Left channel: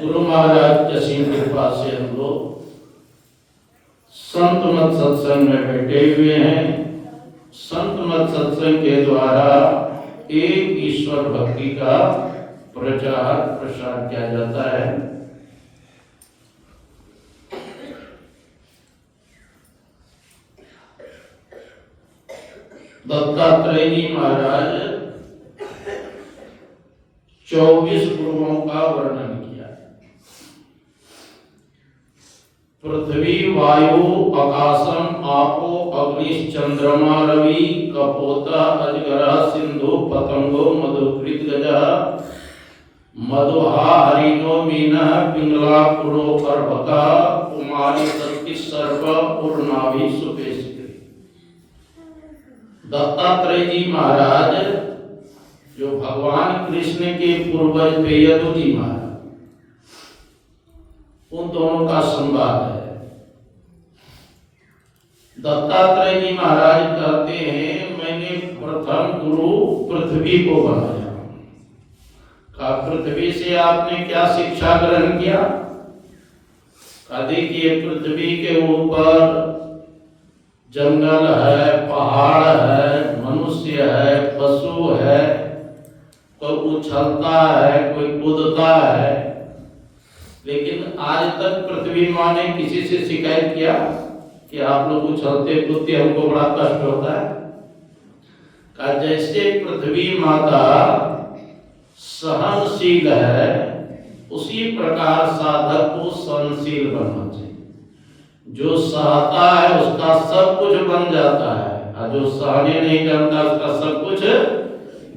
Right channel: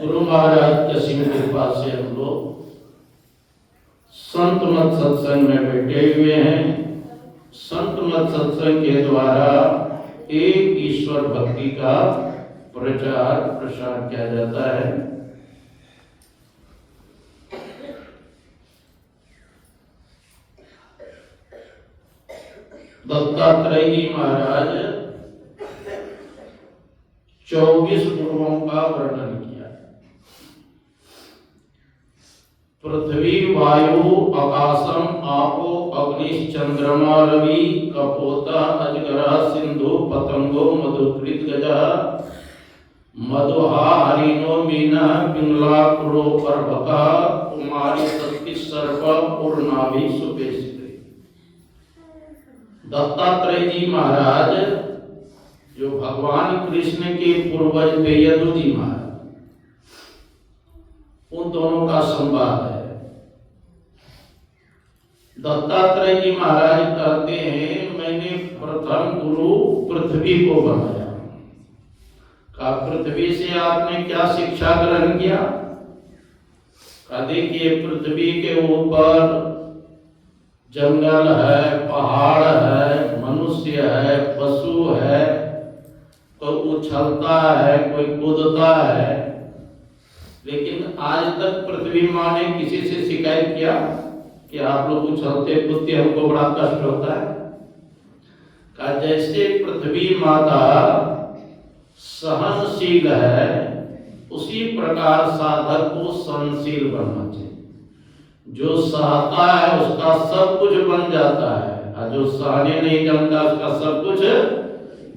गुरु महाराज की असीम कृपा से हम लोग संत मत सत्संग में बैठे हुए हैं। संत मत सत्संग के द्वारा एक ईश्वर भक्ति का प्रचार प्रसार किया जाता है। दत्तात्रेय जी महाराज 24 गुरुओं का वर्णन किया। पृथ्वी वायु आकाशम आपो अग्नि चंद्रमा रवि कपोता अजगरा सिंधु पतंगो मधुकृत गजा मधुहा हरिणो मीना पिंगला पुरो पर्वका कुमारी सती सर्व पूर्णाभि सुपेश। दत्तात्रेय जी महाराज जो भगवान कृष्ण के पूर्वज थे यदु जी महाराज, उन दोनों का संवाद है। दत्तात्रेय जी महाराज कहते हैं मैंने प्रथम गुरु पृथ्वी को बनाया। कहा पृथ्वी से आपने क्या शिक्षा ग्रहण किया? कहा देखिए पृथ्वी के ऊपर जंगल है, पहाड़ है, मनुष्य है, पशु है, कोई उछलता है, कोई कूदता है, लेकिन आज तक पृथ्वी माँ ने किसी से शिकायत किया कि आप लोग उछलते कूदते हमको बड़ा कष्ट होता है? कहा जैसे पृथ्वी माता सहनशील है उसी प्रकार साधक को सहनशील बनना चाहिए। जो सहता है उसका सब कुछ बन जाता है और जो सहने नहीं जानता उसका सब कुछ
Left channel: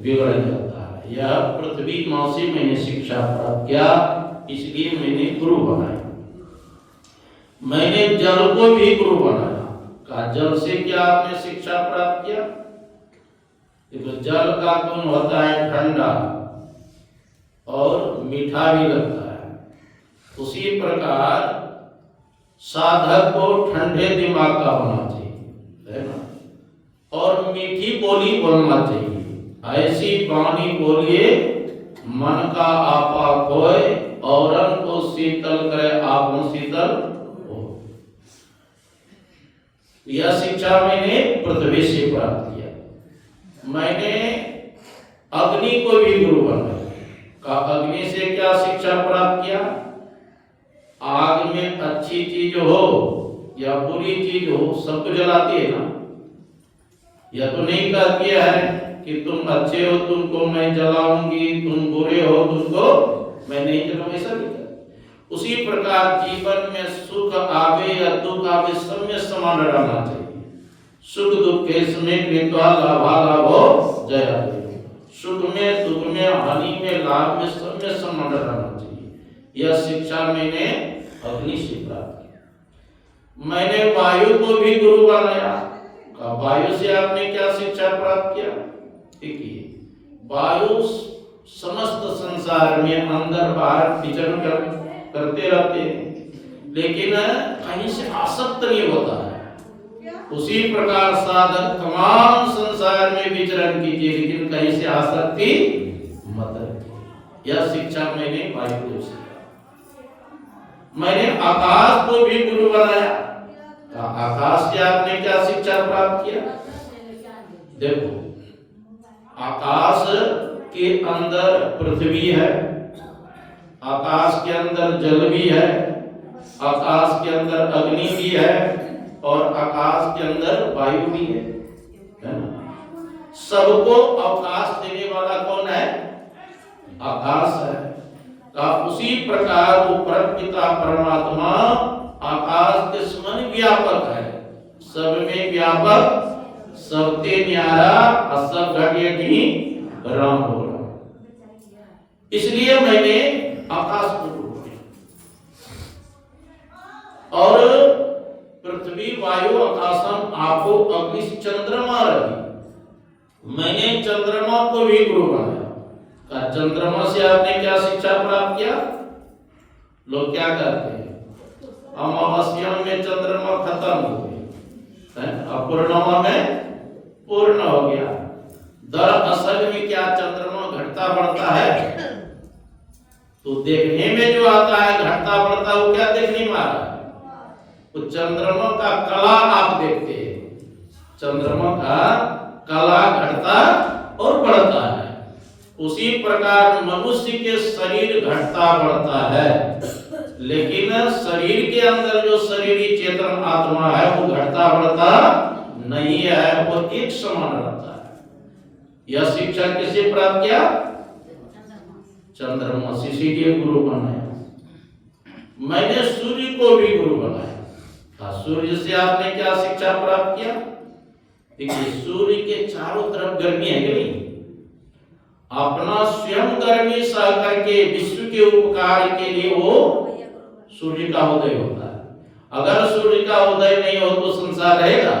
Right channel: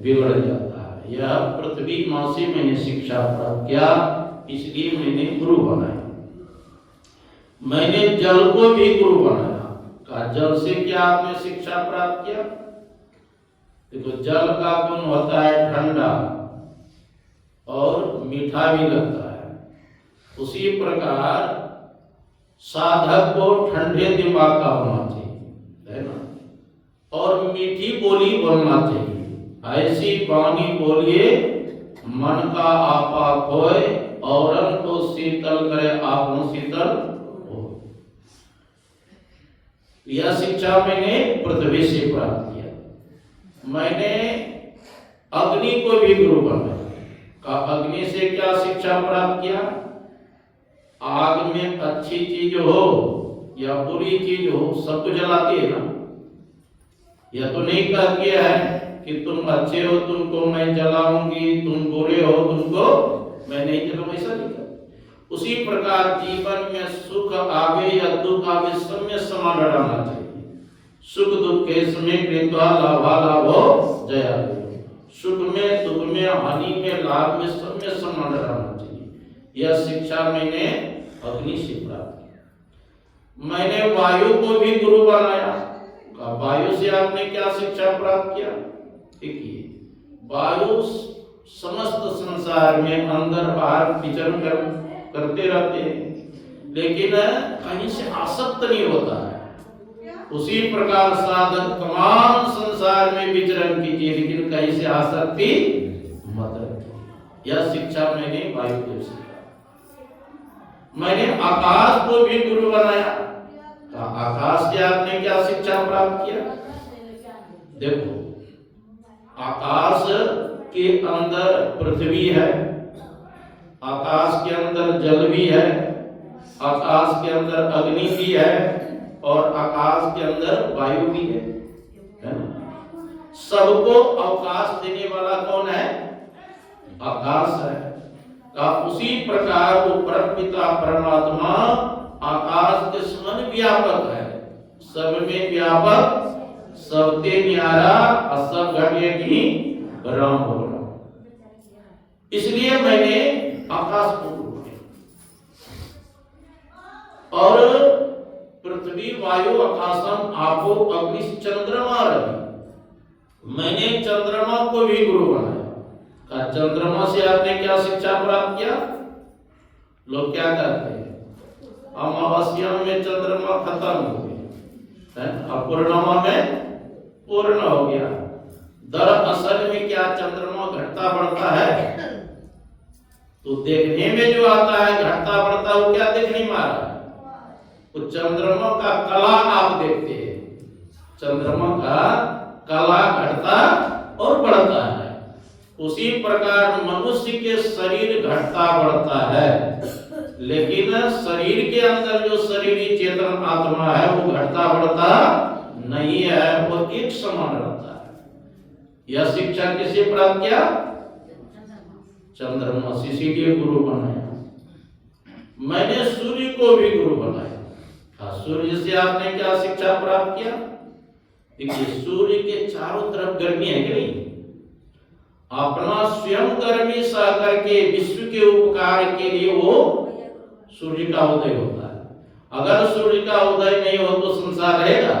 बिगड़ जाता है। यह पृथ्वी माँ से मैंने शिक्षा प्राप्त किया, इसलिए मैंने गुरु बनाया। मैंने जल को भी गुरु बनाया। कहा जल से क्या आपने शिक्षा प्राप्त किया? देखो जल का गुण होता है ठंडा और मीठा भी लगता है। उसी प्रकार साधक को ठंडे दिमाग का होना चाहिए, है ना, और मीठी बोली बोलना चाहिए। ऐसी वाणी बोलिए मन का आपा खोए औरन को शीतल करे आपन शीतल हो। यह शिक्षा मैंने पृथ्वी से प्राप्त किया। मैंने अग्नि को भी गुरु बनाया। का अग्नि से क्या शिक्षा प्राप्त किया? आग में अच्छी चीज हो या बुरी चीज हो सबको जलाती है ना। यह तो नहीं कहती है कि तुम अच्छे हो तुमको मैं जलाऊंगी, तुम बुरे हो तुमको मैं नहीं जलाऊंगा, ऐसा नहीं कहती। उसी प्रकार जीवन में सुख आवे या दुख आवे सब में समान रहना चाहिए। सुख दुख के समय कृत्वा लाभा लाभो जया। सुख में दुख में हानि में लाभ में सब में समान रहना चाहिए। यह शिक्षा मैंने अग्नि से प्राप्त किया। मैंने वायु को भी गुरु बनाया। कहा वायु से आपने क्या शिक्षा प्राप्त किया? देखिए, वायु समस्त संसार में अंदर बाहर विचरण करते रहते हैं, लेकिन कहीं से आसक्त नहीं होता है। उसी प्रकार साधक तमाम संसार में विचरण कीजिए, लेकिन कहीं से आसक्ति मत रखिए। यह शिक्षा मैंने वायुदेव से कहा। मैंने आकाश को भी गुरु बनाया। आकाश से आपने क्या शिक्षा प्राप्त किया? देखो, आकाश के अंदर पृथ्वी है, आकाश के अंदर जल भी है, आकाश के अंदर अग्नि भी है और आकाश के अंदर वायु भी है ना? सबको अवकाश देने वाला कौन है? आकाश है। का उसी प्रकार वो परमपिता परमात्मा आकाश के समान व्यापक है, सब में व्यापक, सबते न्यारा, सब घटिया की राम बोला। इसलिए मैंने आकाश को गुरु किया और पृथ्वी वायु आकाशम आपो अग्नि चंद्रमा रवि, मैंने चंद्रमा को भी गुरु बनाया। का चंद्रमा से आपने क्या शिक्षा प्राप्त किया? लोग क्या करते हैं, अमावस्या में चंद्रमा खत्म हो गया, अपूर्णिमा में पूर्ण हो गया। दरअसल में क्या चंद्रमा घटता बढ़ता है? तो देखने में जो आता है घटता बढ़ता, वो क्या देखने में आ रहा है? वो चंद्रमा का कला आप देखते हैं, चंद्रमा का कला घटता और बढ़ता है। उसी प्रकार मनुष्य के शरीर घटता बढ़ता है, लेकिन शरीर के अंदर जो शरीरी चेतन आत्मा है वो घटता बढ़ता नहीं है, वो एक समान रहता है। यह शिक्षा किसे प्राप्त किया? चंद्रमा से, इसीलिए गुरु बनाया। मैंने सूर्य को भी गुरु बनाया। सूर्य से आपने क्या शिक्षा प्राप्त किया? देखिए, सूर्य के चारों तरफ गर्मी है कि नहीं? अपना स्वयं गर्मी सह करके विश्व के उपकार के लिए वो सूर्य का उदय होता है। अगर सूर्य का उदय नहीं हो तो संसार रहेगा?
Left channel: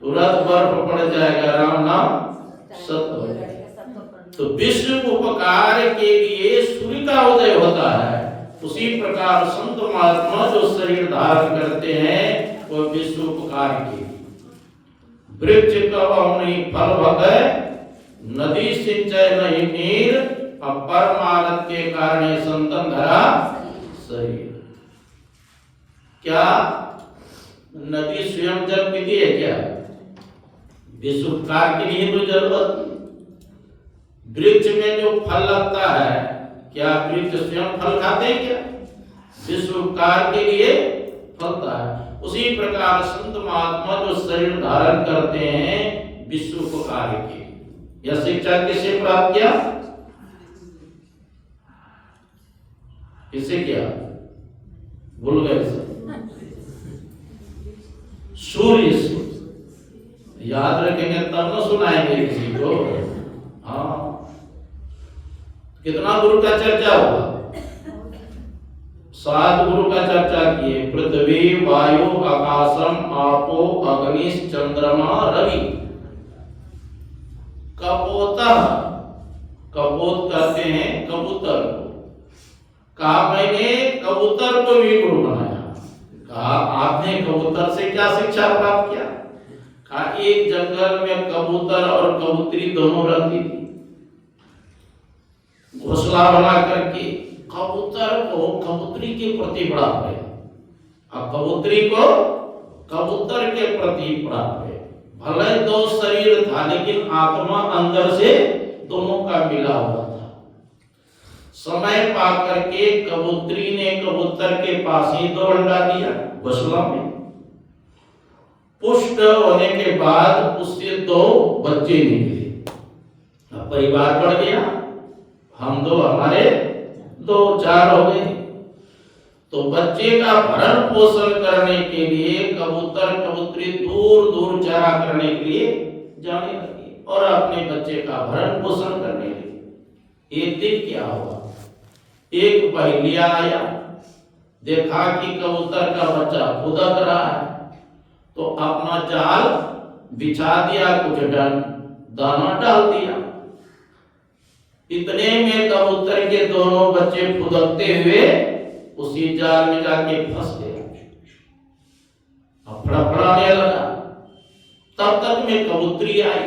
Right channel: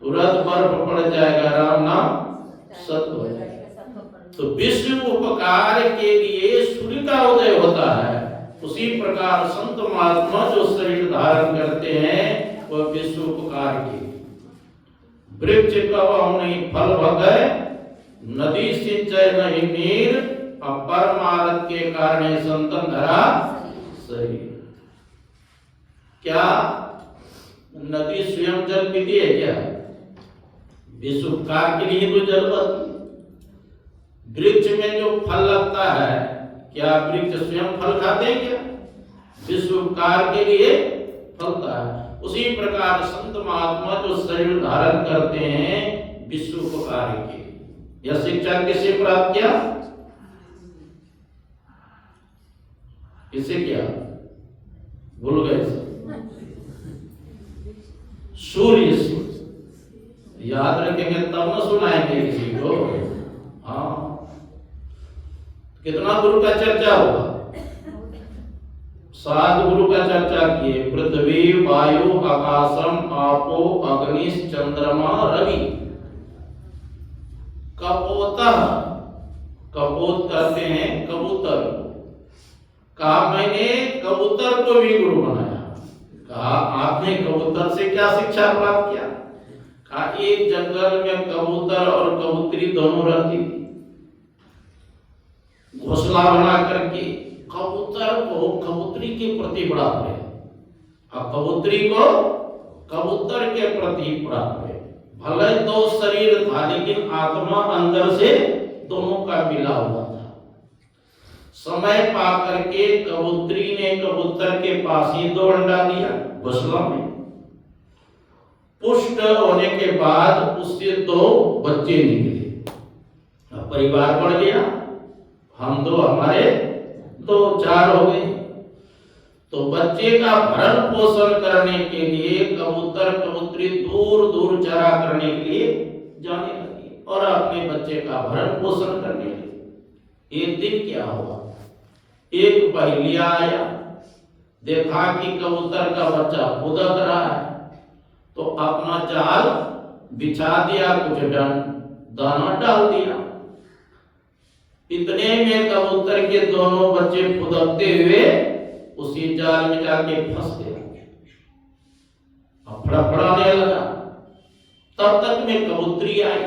तुरंत बर्फ पड़ जाएगा, राम नाम सत्य हो जाएगा। तो विश्व उपकार के लिए सूर्य का उदय होता है। उसी प्रकार संत महात्मा जो शरीर धारण करते हैं वह विश्व उपकार के। वृक्ष कब नहीं फल भगै, नदी सिंचय नहीं नीर, परमारथ के कारण संतन धरा शरीर। क्या नदी स्वयं जल पीती है क्या? विश्व उपकार के लिए तो जल बदती। वृक्ष में जो फल लगता है, क्या वृक्ष स्वयं फल खाते हैं क्या? विश्व उपकार के लिए फलता है। उसी प्रकार संत महात्मा जो शरीर धारण करते हैं विश्व उपकार के लिए। यह शिक्षा किसे प्राप्त किया? किसे किया? भूल गए? सूर्य से। याद रखेंगे तब न सुनाएंगे किसी को। हाँ, कितना गुरु का चर्चा हुआ? 7 गुरु का चर्चा किए। पृथ्वी वायु आकाशम आपो अग्नि चंद्रमा रवि। कपोतः, कपोत करते हैं कबूतर को। कहा मैंने कबूतर को भी गुरु बनाया। कहा आपने कबूतर से क्या शिक्षा प्राप्त किया? कहा एक जंगल में कबूतर और कबूतरी दोनों रहती थी। घोंसला बना करके कबूतर को कबूतरी के प्रति बड़ा प्रेम, और कबूतरी को कबूतर के प्रति बड़ा प्रेम। भले 2 शरीर था, लेकिन आत्मा अंदर से दोनों का मिला हुआ था। समय पा करके कबूतरी ने कबूतर के पास ही 2 अंडा दिया घोंसला में। पुष्ट होने के बाद उससे 2 बच्चे निकले। अब परिवार बढ़ गया, हम 2 हमारे 2 4 हो गए। तो बच्चे का भरण पोषण करने के लिए कबूतर कबूतरी दूर दूर चरा करने के लिए जाने लगे और अपने बच्चे का भरण पोषण करने लगे। एक दिन क्या हुआ, एक बहेलिया आया। देखा कि कबूतर का बच्चा फुदक रहा है, तो अपना जाल बिछा दिया, कुछ दाना डाल दिया। इतने में कबूतर के दोनों बच्चे फुदकते हुए उसी जाल में जाके फंस गए। अब फड़फड़ाने लगा। तब तक में कबूतरी आई।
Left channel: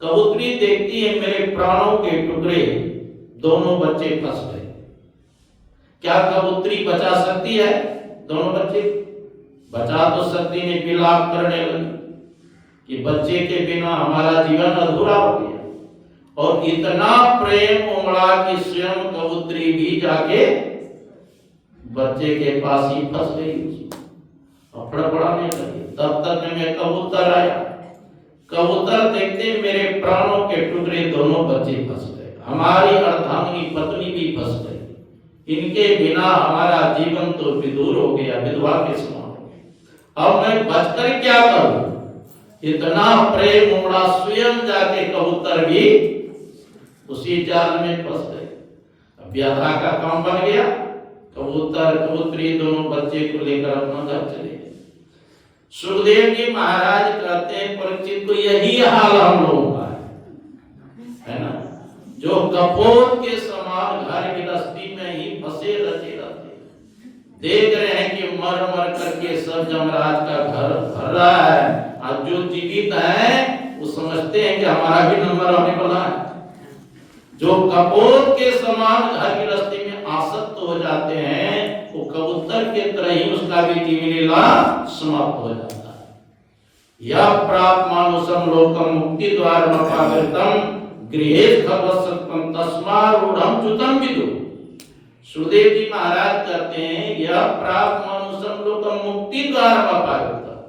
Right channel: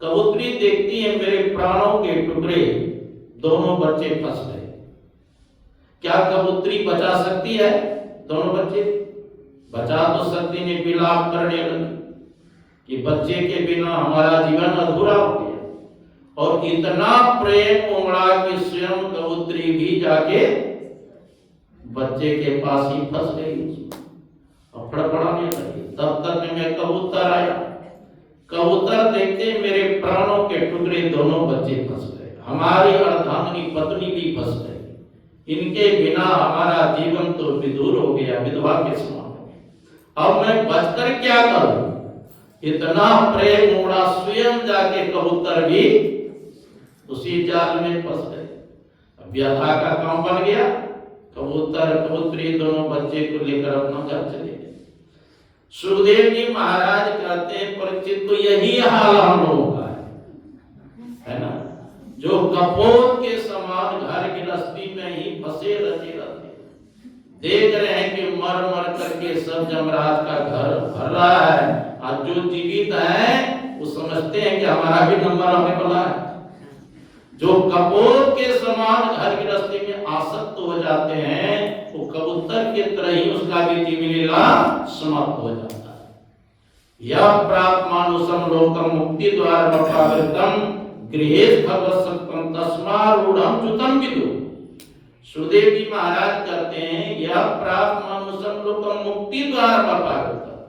कबूतरी देखती है मेरे प्राणों के टुकड़े, दोनों बच्चे फंस गए। क्या कबूतरी बचा सकती है दोनों बच्चे? बचा तो सकती नहीं, विलाप करने लगी कि बच्चे के बिना हमारा जीवन अधूरा हो गया। और इतना प्रेम उमड़ा कि स्वयं कबूतरी भी जाके बच्चे के पास ही फंस गई और फड़फड़ाने लगी। तब तक में कबूतर आया। कबूतर देखते मेरे प्राणों के टुकड़े, दोनों बच्चे फंस गए, हमारी अर्धांगिनी पत्नी भी फंस गई, इनके बिना हमारा जीवन तो विदूर हो गया, विधवा के समान हो गया। अब मैं बचकर क्या करूं? इतना प्रेम उमड़ा, स्वयं जाके कबूतर भी उसी जाल में फंस गए। अब व्यथा का काम बन गया। कबूतर कबूतरी दोनों बच्चे को लेकर अपना घर चले गए। सुखदेव जी महाराज कहते हैं परीक्षित को यही हाल हम लोगों का है ना, जो कपोत के समान घर गृहस्थी में ही फंसे रहते देख रहे हैं कि मर मर करके सब जमराज का घर भर रहा है। आज जो जीवित है वो समझते हैं कि हमारा भी नंबर आने वाला है। जो कपोत के समान घर गृहस्थी में आसक्त हो जाते हैं, वो कबूतर के तरह ही उसका भी जीवन लीला समाप्त हो जाता है। यह प्राप्त मानुषम लोकम मुक्ति द्वार पावृतम गृहेत भगवत्सत्वम तस्मारूढ़म च्युतम विदु। सुखदेव जी महाराज कहते हैं यह प्राप्त मनुष्य लोकम मुक्ति द्वार पावृतम,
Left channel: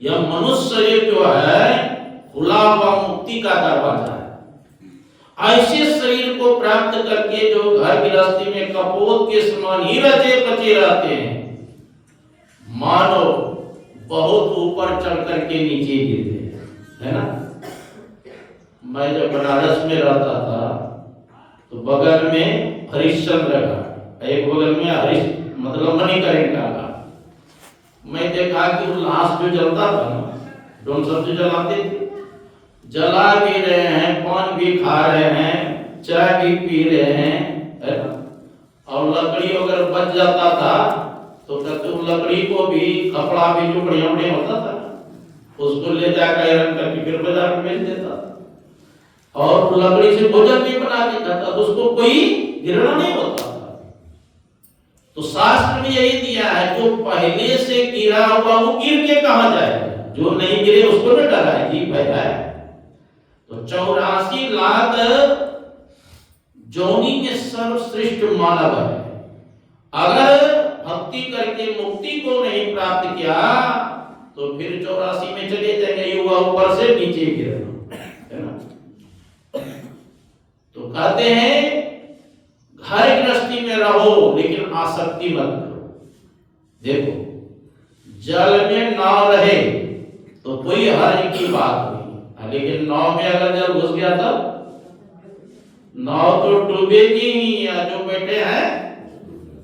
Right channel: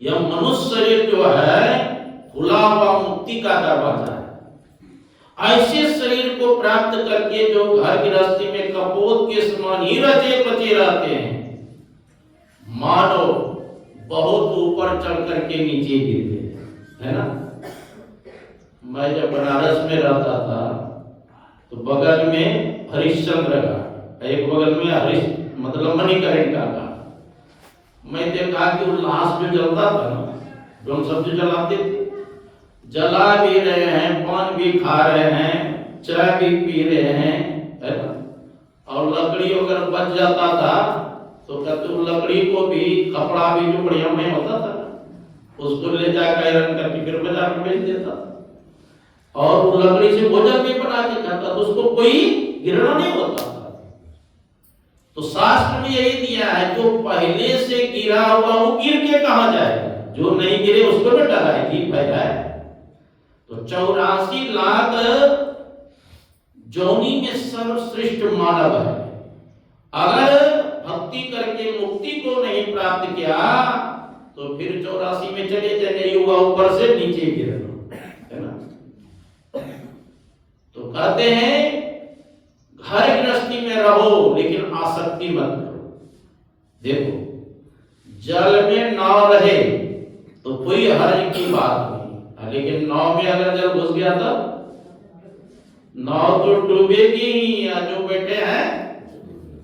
यह मनुष्य शरीर जो है खुला हुआ मुक्ति का दरवाजा है। ऐसे शरीर को प्राप्त करके जो घर गृहस्थी में कपोत के समान ही रचे बचे रहते हैं, मानो बहुत ऊपर चढ़ करके नीचे गिरते है ना। मैं जब बनारस में रहता था तो बगल में हरिश्चंद्र घाट, एक बगल में हरीश मतलब मणिकरण का घाट। मैं देखा कि वो लाश जो जलता था ना, जो हम सब जो जलाते थे, जला भी रहे हैं, पान भी खा रहे हैं, चाय भी पी रहे हैं, है ना। और लकड़ी अगर बच जाता था तो कहते वो लकड़ी को भी, कपड़ा भी जो बढ़िया बढ़िया होता था उसको ले जाकर आयरन करके फिर बाजार में बेच देता था। और लकड़ी से भोजन भी बना के खाता, तो उसको कोई गिरना नहीं होता था। तो शास्त्र में यही दिया है, जो पहले से गिरा हुआ वो गिर के कहां जाएगा, जो नहीं गिरे उसको न डराएगी फायदा है। तो 84 लाख जोनी में सर्वश्रेष्ठ मानव है। अगर भक्ति करके मुक्ति को नहीं प्राप्त किया तो फिर 84 में चले जाएंगे, युवा ऊपर से नीचे गिरना है ना। तो कहते हैं घर गृहस्थी में रहो लेकिन आसक्ति मत करो। देखो जल में नाव रहे तो कोई हर्ज की बात नहीं, लेकिन नाव में अगर जल घुस गया तो नाव तो डूबेगी ही, या जो बैठे हैं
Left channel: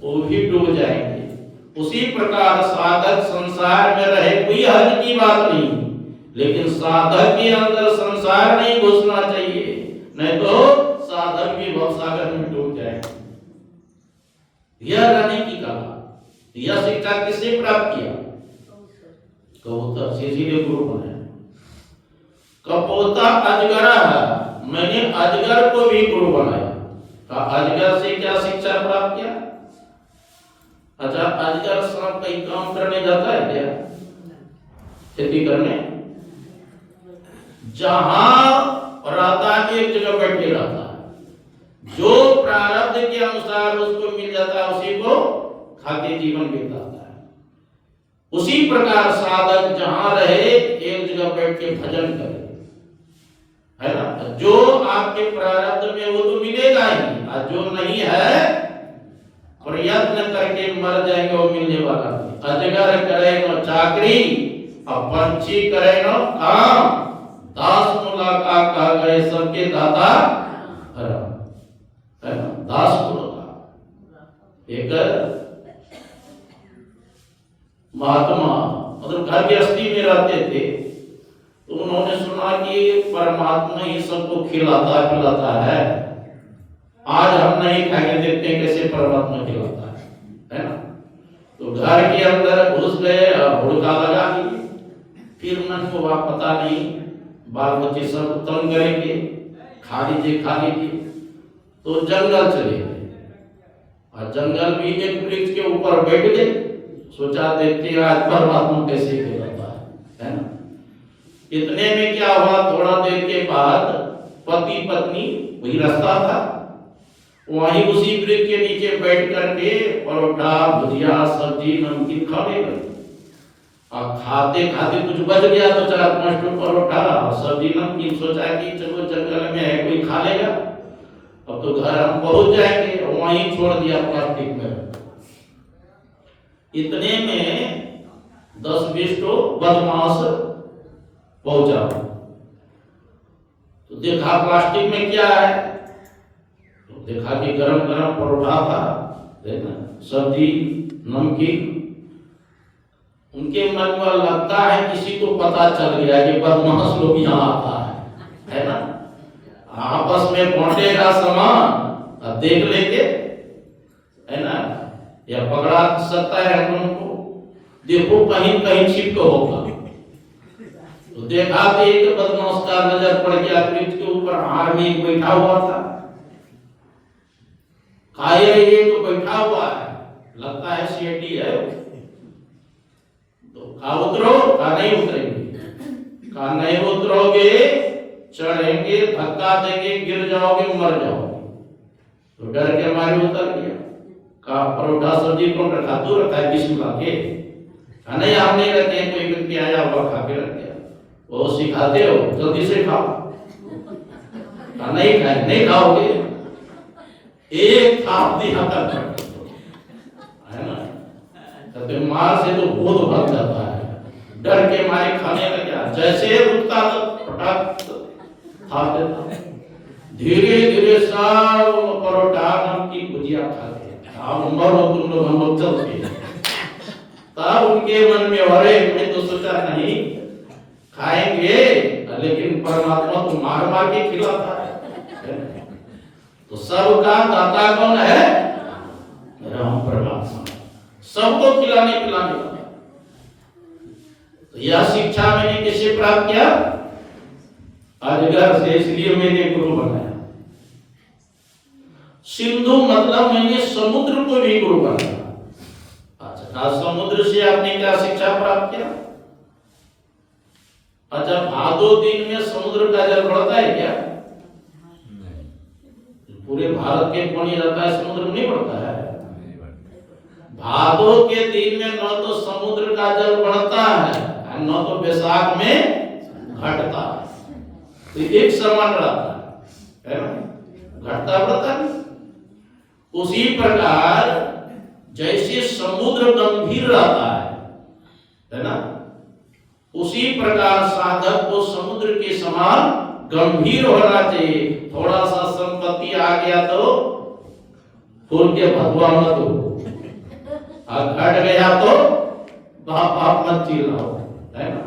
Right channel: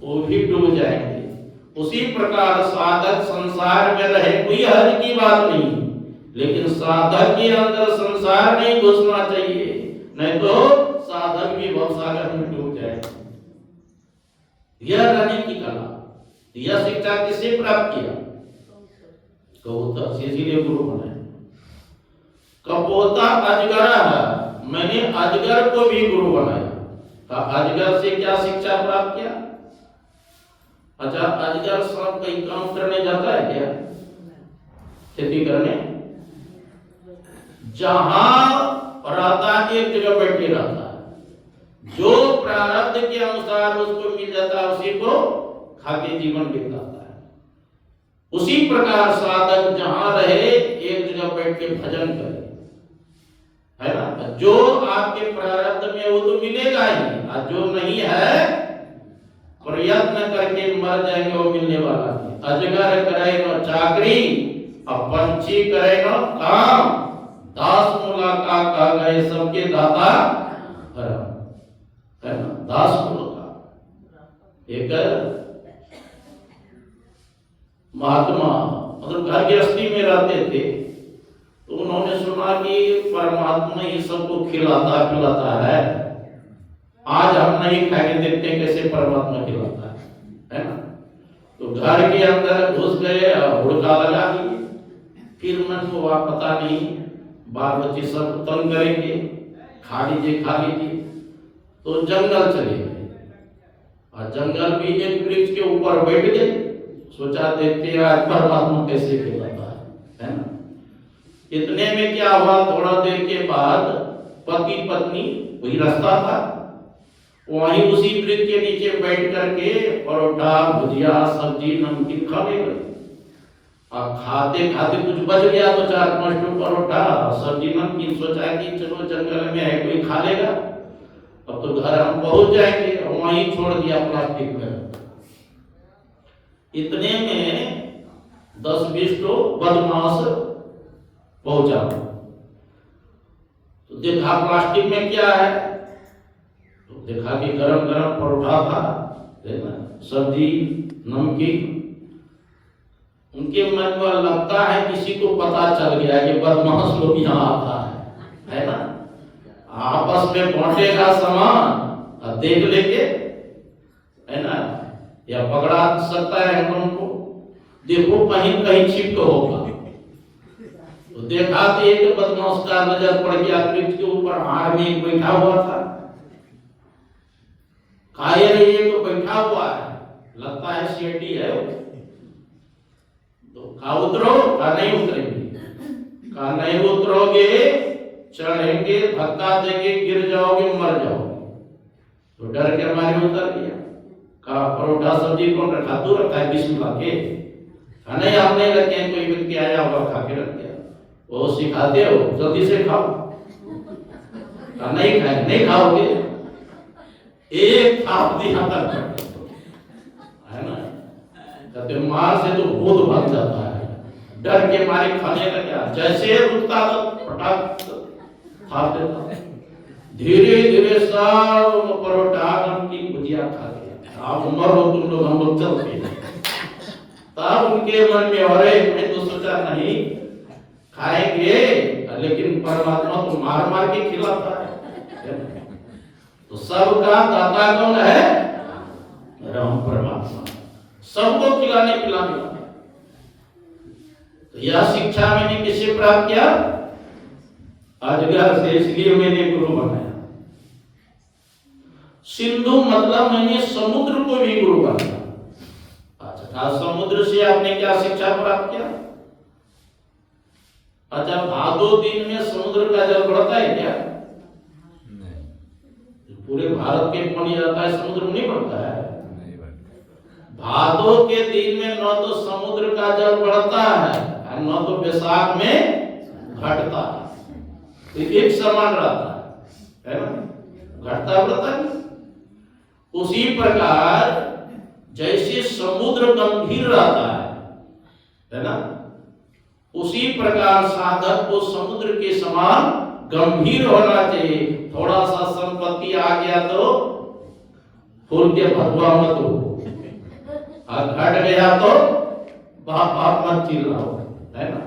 वो भी डूब जाएंगे। उसी प्रकार साधक संसार में रहे कोई हर्ज की बात नहीं, लेकिन साधक के अंदर संसार नहीं घुसना चाहिए, नहीं तो साधक भी भवसागर में डूब जाएगा। यह रहने की कला, यह शिक्षा किससे प्राप्त किया? कबूतर से, इसीलिए गुरु बनाया। कपोता अजगर है, मैंने अजगर को भी गुरु बनाया। अजगर से क्या शिक्षा प्राप्त किया? अच्छा, अजगर सांप कहीं काम करने जाता है क्या? खेती करने? जहां रहता है एक जगह बैठे रहता है, जो प्रारब्ध के अनुसार उसको मिल जाता है उसी को खाके जीवन बिताता है। उसी प्रकार साधक जहां रहे एक जगह बैठ के भजन करे, है ना। जो आपके प्रारब्ध में वो तो मिलेगा ही, और जो नहीं है प्रयत्न करके मर जाएंगे, वो मिलने वाला नहीं। अजगर करे न चाकरी, अब पंछी करे न काम, दास मुलाकात कहा गए सबके दाता हरम, है ना। दास मुलाकात एक महात्मा मतलब घर गृहस्थी में रहते थे, तो उन्होंने सुना कि परमात्मा ही सबको खिलाता पिलाता है, आज हम नहीं खाएंगे, देखते हैं कैसे परमात्मा खिलाता है ना। तो घर के अंदर घुस गए और हुड़का लगा दिए। फिर मन को वह पता नहीं, बाल बच्चे सब तंग करेंगे, खा लीजिए खा लीजिए, तो जंगल चले गए और जंगल में एक वृक्ष के ऊपर बैठ गए। सोचा देखते हैं आज परमात्मा कैसे खिलाता है ना। इतने में क्या हुआ, थोड़ा देर के बाद पति पत्नी, वही रास्ता था, वहीं उसी वृक्ष के नीचे बैठ करके परोठा भुजिया सब्जी नमकीन खाने लगे। अब खाते खाते कुछ बच गया तो 4-5 परोठा सब्जी नमकीन, सोचा कि चलो जंगल में है कोई खा लेगा, अब तो घर हम पहुंच जाएंगे, वहीं छोड़ दिया प्लास्टिक में। इतने में 10-20 बदमाश पहुंचा, तो देखा प्लास्टिक में क्या है, तो देखा कि गरम गरम परोठा था, देखा सब्जी नमकीन। उनके मन में लगता है किसी को पता चल गया कि बदमाश लोग यहाँ आता है ना, आपस में बांटेगा सामान और देख लेंगे, है ना, या पकड़ा सकता है हम लोगों को, देखो कहीं कहीं छिप होगा। तो देखा कि एक बदमाश का नजर पड़ गया, वृक्ष के ऊपर आदमी बैठा हुआ था। कायर ये तो बैठा हुआ है, लगता है सेठी है, तो कहा उतरो, कहा नहीं उतरेंगे, कहा नहीं उतरोगे चढ़ेंगे, धक्का देंगे, गिर जाओगे, मर जाओगे। तो डर के मारे उतर गया। कहा परोठा सब्जी कौन रखा, तू रखा है, बिस्मिल्लाह के, कहा नहीं हम नहीं रखे, कोई व्यक्ति आया हुआ खा के रख गया। वो सिखाते हो जल्दी से खाओ, कहा नहीं खाए, नहीं खाओगे, एक थाप दिया तक है ना, कहते मार से तो भूत भाग जाता है, डर के मारे खाने लगा, जैसे रुकता तो फटाक थाप देता। धीरे धीरे सब परोठा नमकीन भुजिया खा गया। आप मरो तुम लोग, हम लोग चलते हैं। तब उनके मन में, अरे मैं तो सोचा नहीं खाएंगे, लेकिन परमात्मा तो मार मार के खिलाता है। तो सबका दाता कौन है, राम परमात्मा, सबको खिलाने पिलाने वाला। तो यह शिक्षा मैंने किसे प्राप्त किया, अजगर से, इसलिए मैंने गुरु बनाया। सिंधु मतलब मैंने समुद्र को भी गुरु बनाया। अच्छा, समुद्र से आपने क्या शिक्षा प्राप्त किया। अच्छा, भादो दिन में समुद्र का जल बढ़ता है क्या, पूरे भारत के पानी जाता है, समुद्र में नहीं बढ़ता है। भादो के दिन में न तो समुद्र का जल बढ़ता है, न तो बैसाख में घटता है, तो एक समान रहता है ना, घटता बढ़ता है। उसी प्रकार जैसे समुद्र गंभीर रहता है ना, उसी प्रकार साधक को समुद्र के समान गंभीर होना चाहिए। थोड़ा सा संपत्ति आ गया तो फूल के भगवा मत हो, और घट गया तो बाप मत चिल्लाओ, है ना।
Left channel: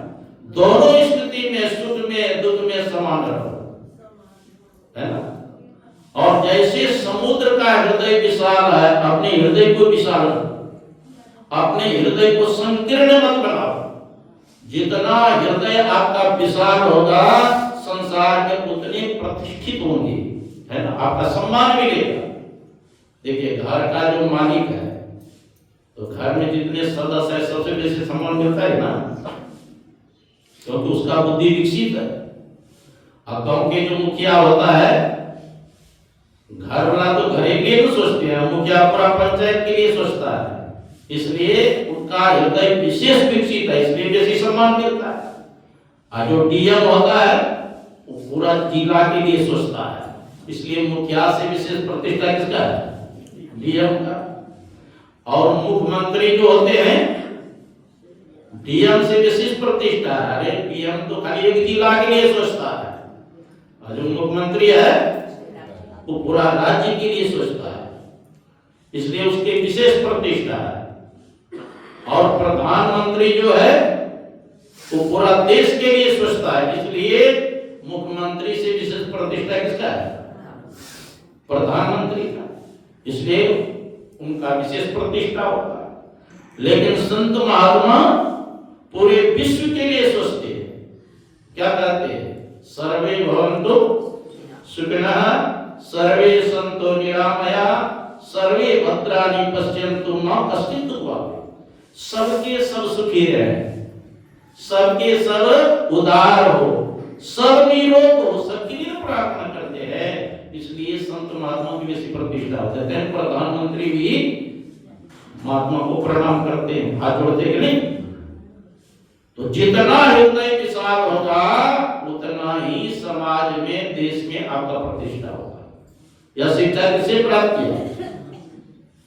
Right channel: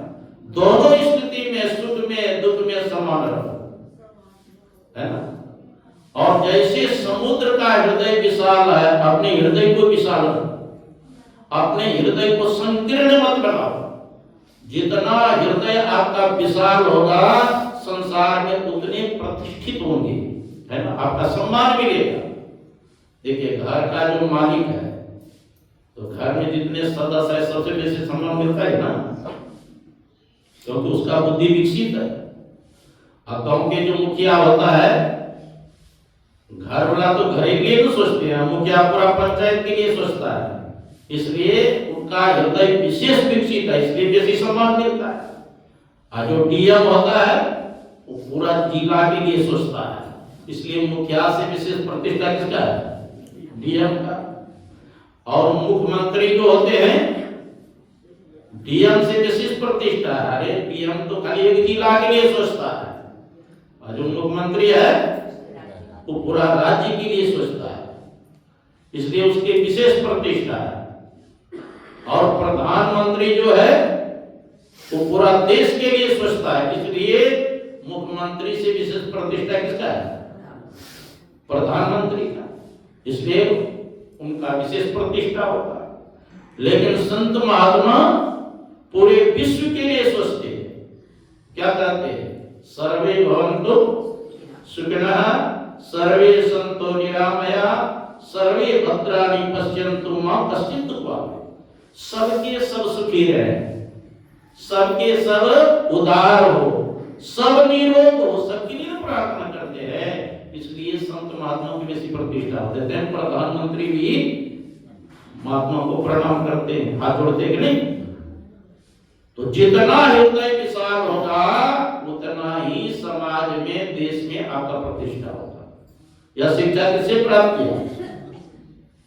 दोनों स्थिति में, सुख में दुख में समान रहो, है ना। और जैसे समुद्र का हृदय विशाल है, अपने हृदय को विशाल रखो, अपने हृदय को संकीर्ण मत बनाओ। जितना हृदय आपका विशाल होगा, संसार में उतने प्रतिष्ठित होंगे, है ना, आपका सम्मान मिलेगा। देखिए घर का जो मालिक है, तो घर में जितने सदस्य है सबसे बेसी सम्मान मिलता है ना, क्योंकि उसका बुद्धि विकसित है। और गांव के जो मुखिया होता है, घर वाला तो घर के लिए तो सोचते हैं, मुखिया पूरा पंचायत के लिए सोचता है, इसलिए उनका हृदय विशेष विकसित है, इसलिए बेसी सम्मान मिलता है। और जो डीएम होता है वो पूरा जिला के लिए सोचता है, इसलिए मुखिया से विशेष प्रतिष्ठा किसका है, डीएम का। और मुख्यमंत्री जो होते हैं, डीएम से विशेष प्रतिष्ठा है। अरे डीएम तो खाली एक जिला के लिए सोचता है, और जो मुख्यमंत्री है वो पूरा राज्य के लिए सोचता है, इसलिए उसकी विशेष प्रतिष्ठा है। और प्रधानमंत्री जो है वो पूरा देश के लिए सोचता है, इसलिए मुख्यमंत्री से विशेष प्रतिष्ठा किसका है? प्रधानमंत्री का, इसलिए उनका विशेष प्रतिष्ठा होता है। लेकिन संत महात्मा पूरे विश्व के लिए सोचते हैं। क्या कहते हैं? सर्वे भवन्तु सुखिनः, सर्वे सन्तु निरामया, सर्वे भद्राणि पश्यन्तु मा कश्चित् दुःखभाग्। सबके सब सुखी रहे, सबके सब उदार हो, सब निरोग हो, सबकी लिए प्रार्थना करते हैं। इसलिए संत महात्मा की बेसी प्रतिष्ठा देते हैं। प्रधानमंत्री भी महात्मा को प्रणाम करते हैं, हाथ जोड़ते कि नहीं? तो जितना हृदय विशाल होगा उतना ही समाज में, देश में आपका प्रतिष्ठा होगा। यह शिक्षा किससे प्राप्त किया?